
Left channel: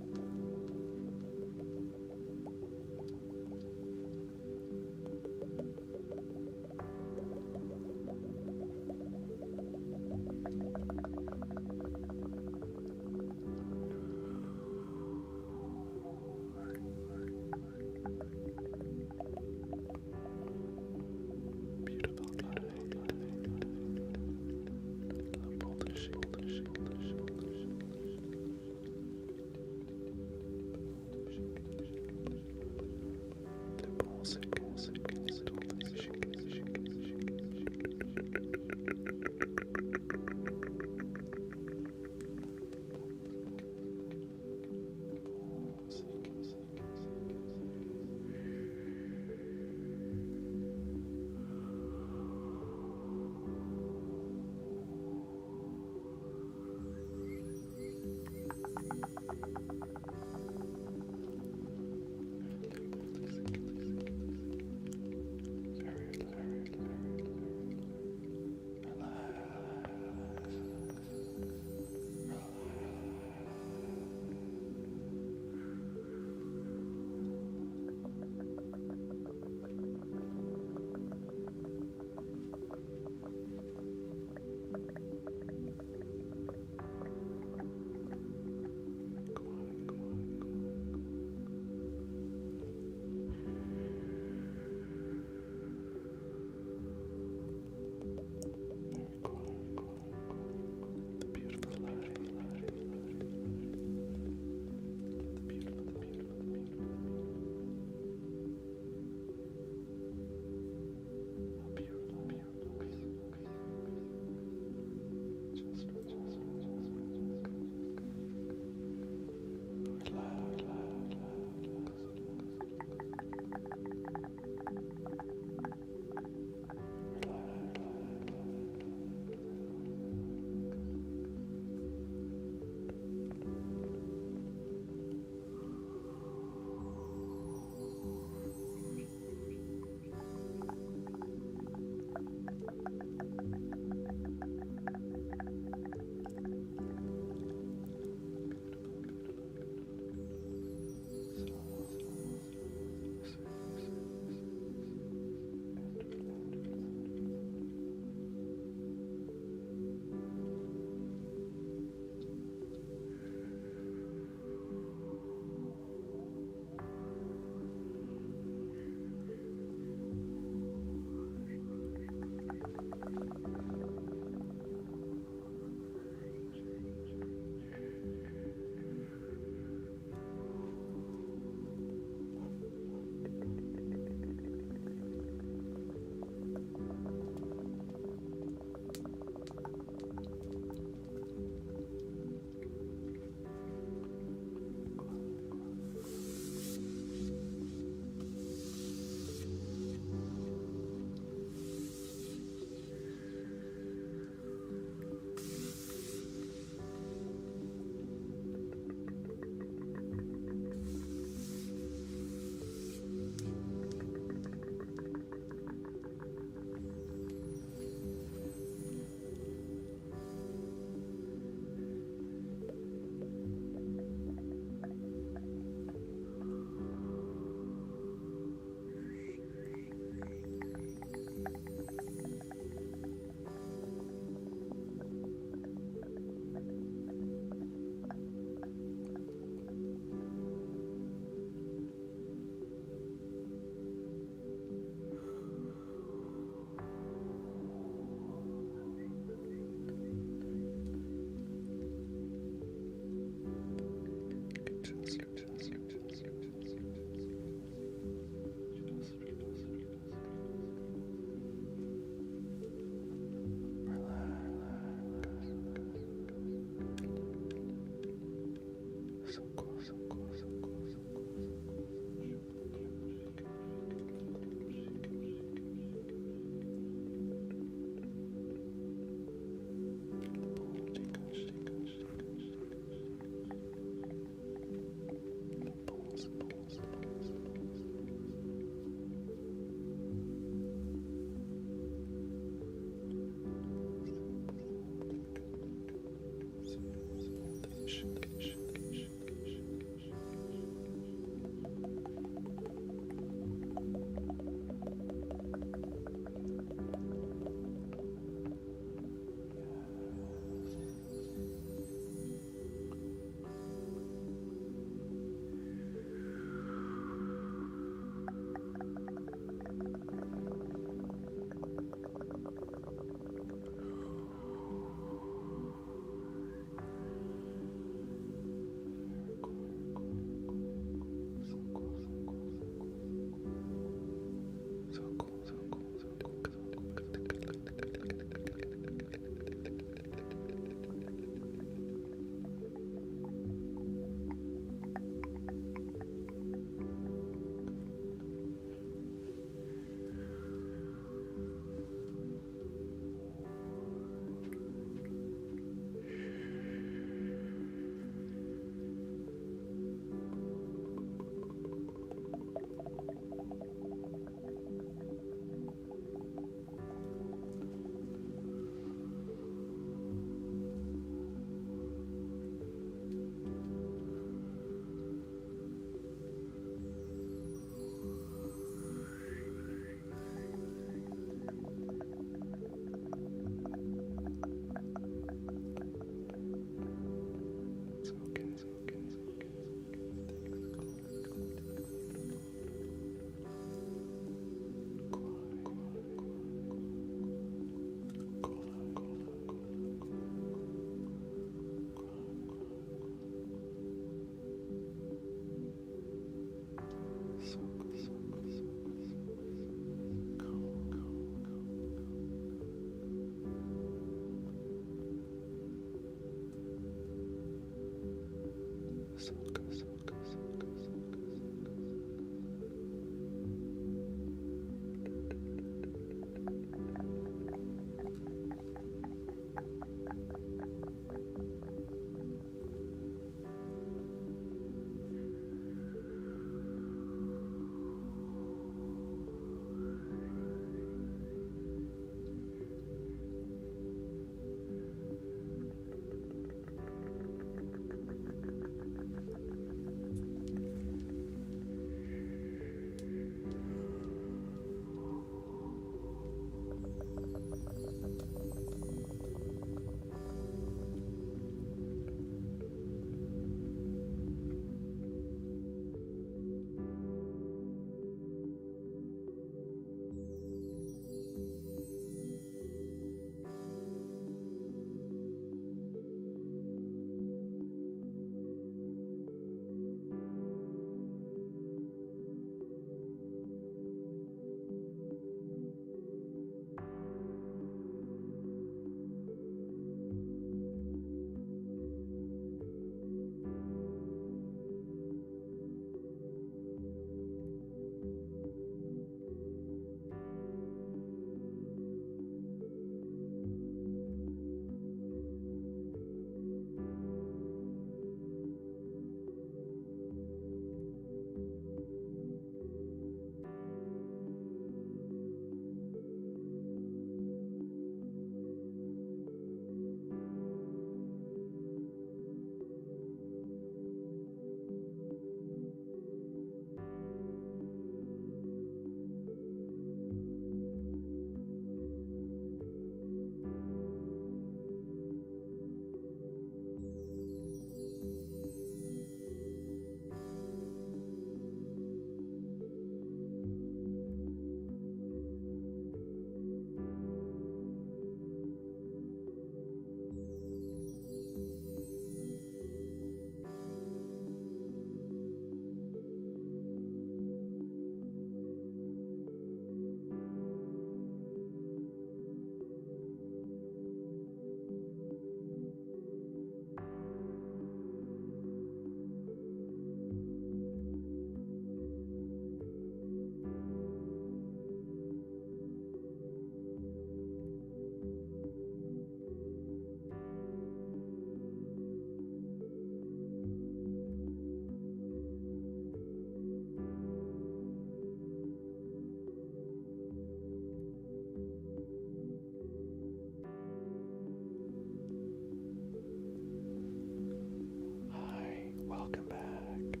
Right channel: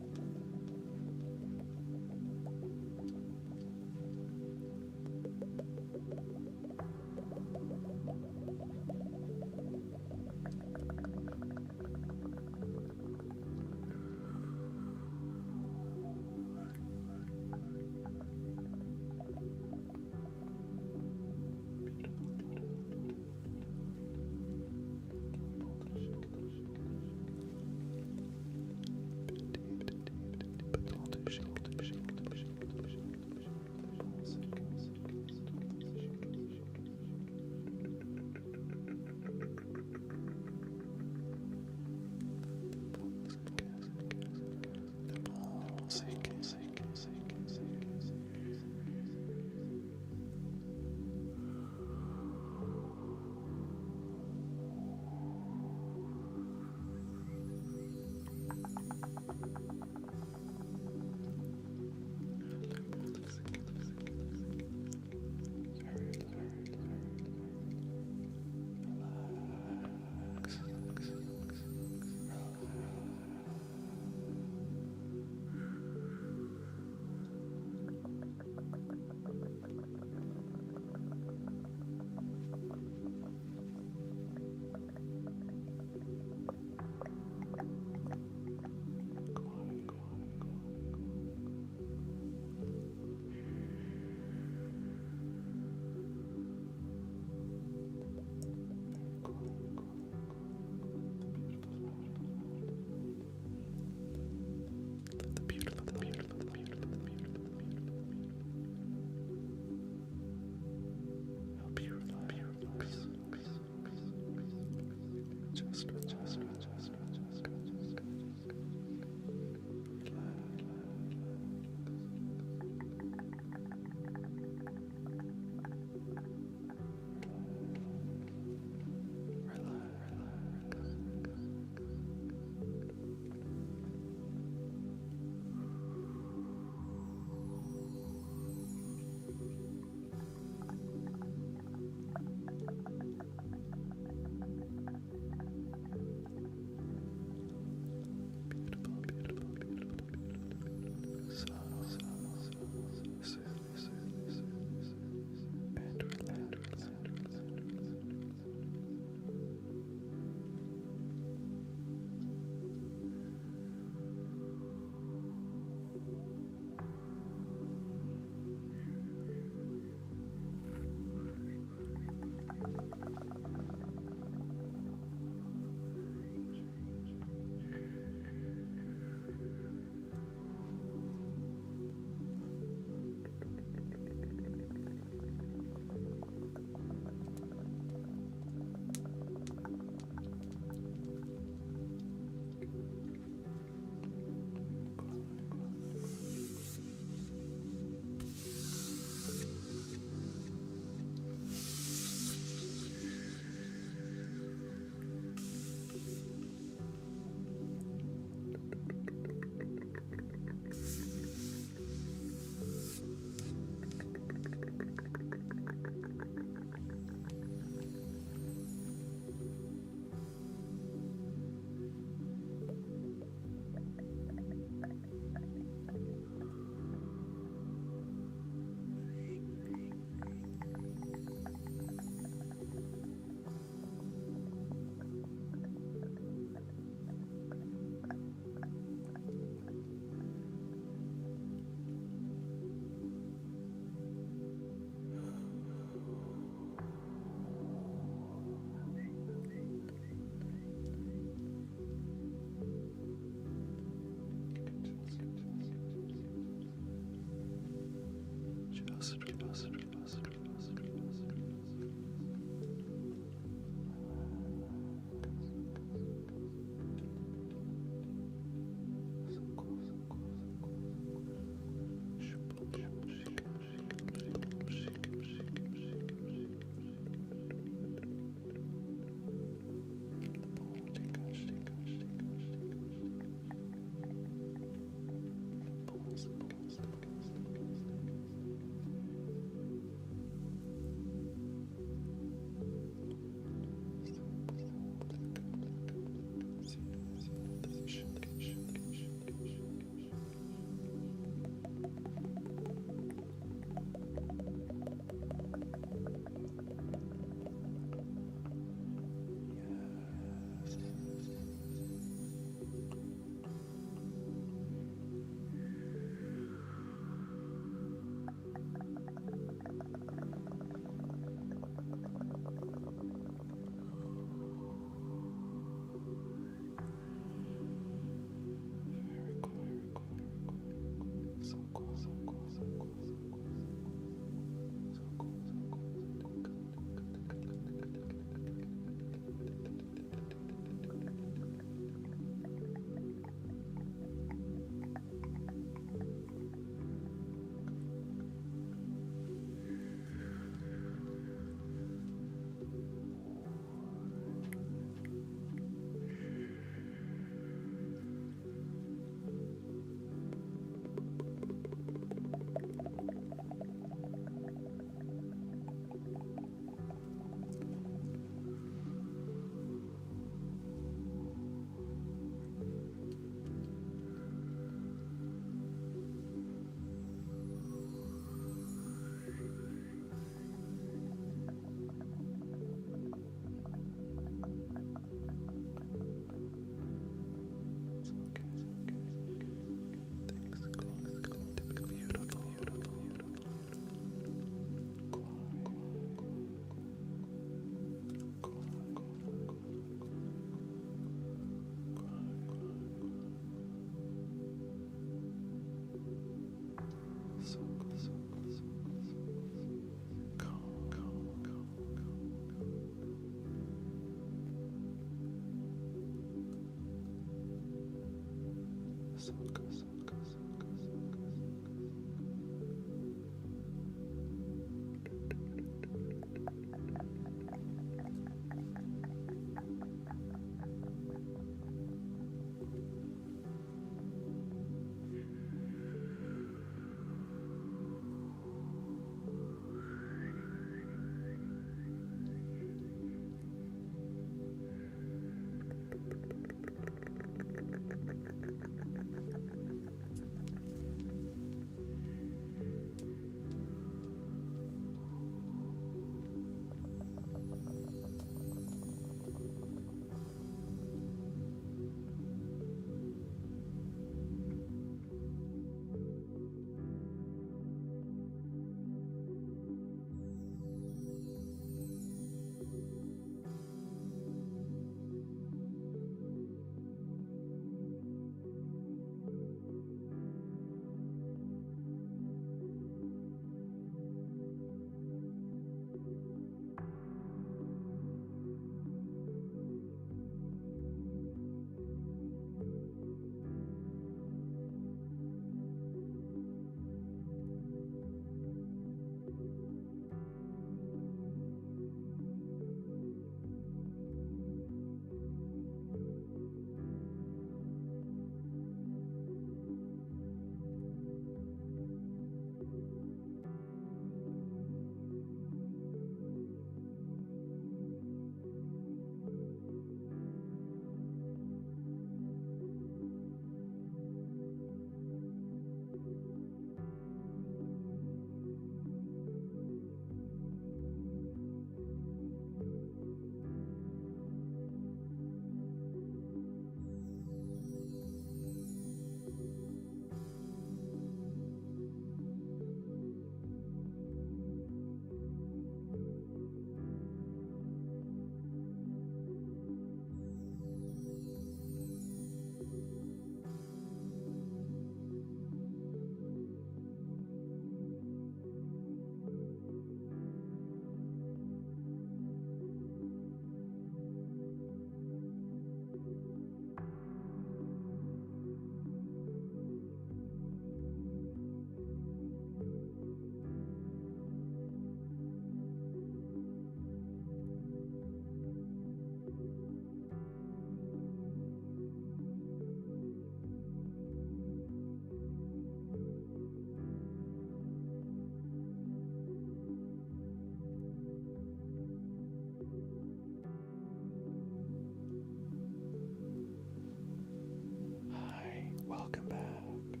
Welcome back.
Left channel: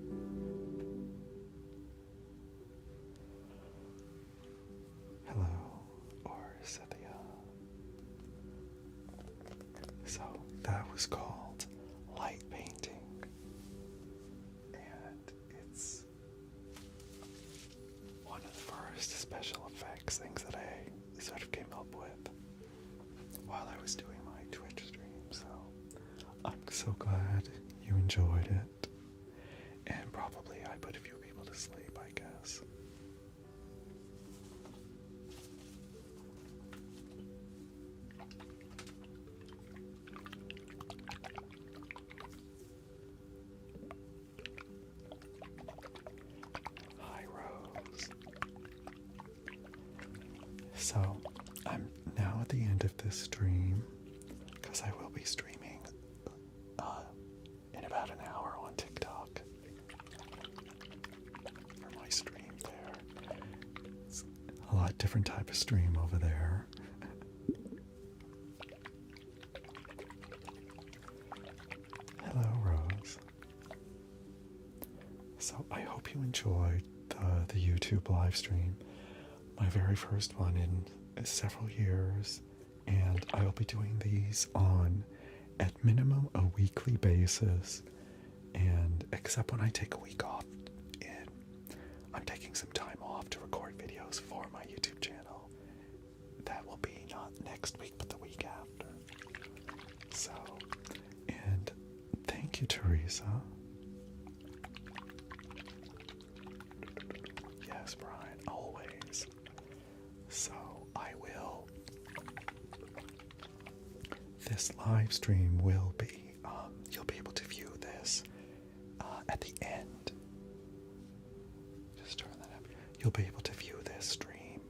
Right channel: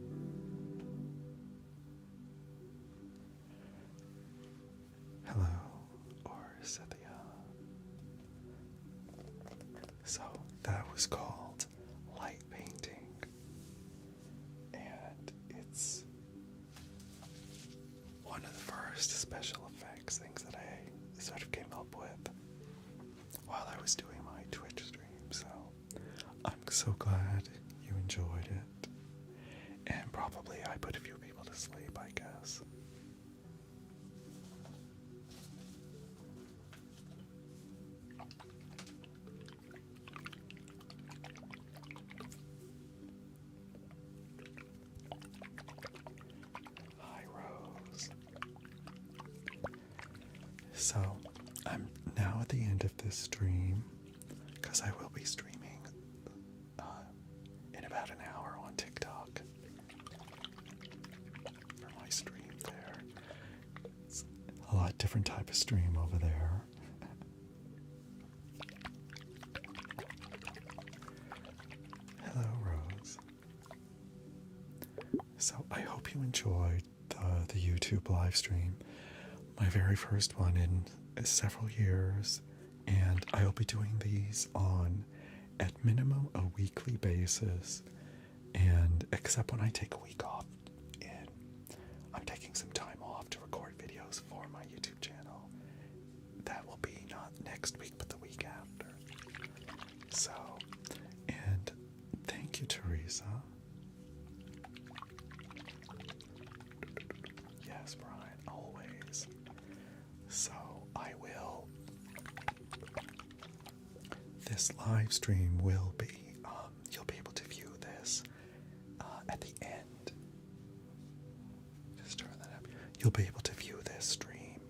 Hello, or Cynthia. So that was called light painting, and it's one of the first special effects things that I sort of came up with while I was doing my Twitch stream. So I'm so glad you enjoyed it, and probably I put a few people to sleep, I guess. Hi, Rose. So I'm now at the end of this stream, because I will be streaming in about an hour on TikTok for my stream there. It's a lot different type of stream over there. Hello, Rose. So I hope you enjoyed the YouTube live stream, my very first one in several years, and I'll be doing these on at minimum a weekly basis, and except when I take a week off, and I'm taking some time off to record videos for my YouTube channel. That will be not next week but the week after. So, and thank you, Teresa. Yes, Brian, always. So I will, this live stream will be, you'll be able to view this you'll be able to view this stream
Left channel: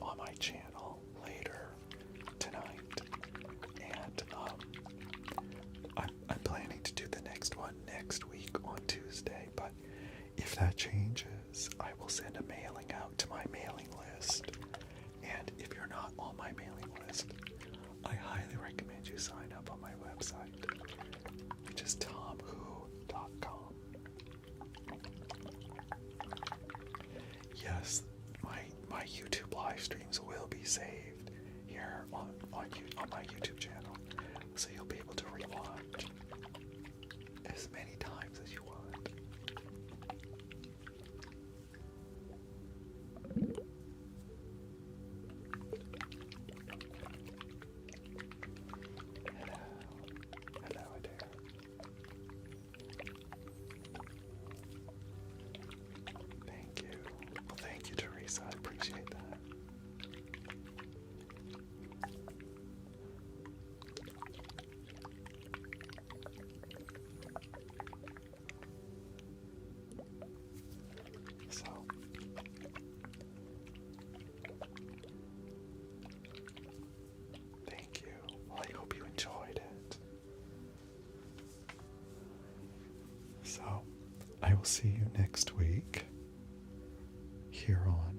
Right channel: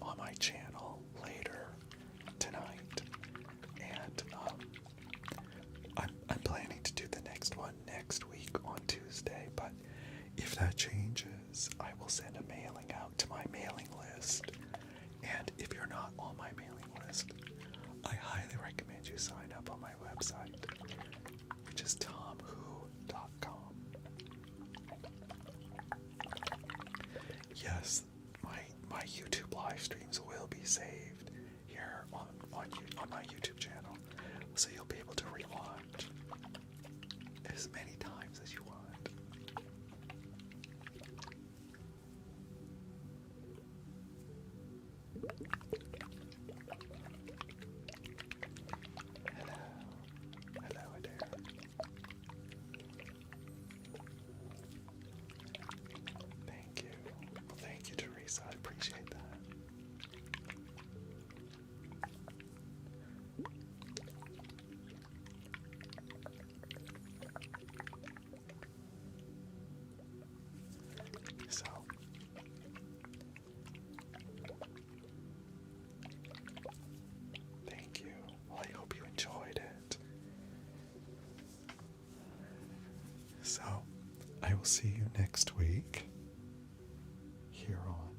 on my channel later tonight. And I'm planning to do the next one next week on Tuesday, but if that changes, I will send a mailing out to my mailing list. And if you're not on my mailing list, I highly recommend you sign up on my website, which is tomwho.com. Yes, my YouTube live streams will be saved here on my YouTube channel, so you'll be able to rewatch as many times as you want. Hello there. Thank you. Well, thank you, Teresa. I appreciate that. So, thank you. Well, I hope you enjoyed it. So, I will see you next week here on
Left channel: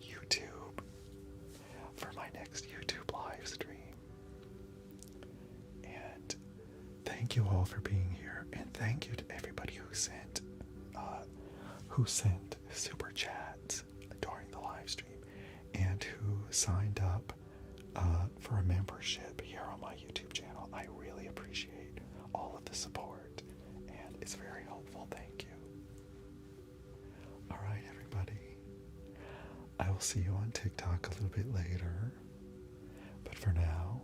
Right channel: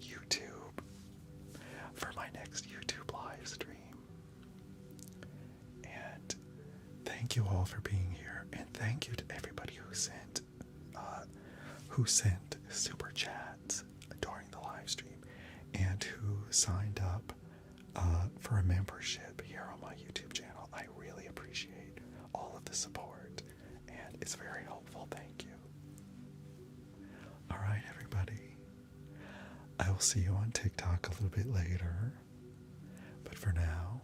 YouTube for my next YouTube live stream. And thank you all for being here, and thank you to everybody who sent super chats during the live stream and who signed up for a membership here on my YouTube channel. I really appreciate all of the support, and it's very helpful. Thank you. All right, everybody. I will see you on TikTok a little bit later. But for now,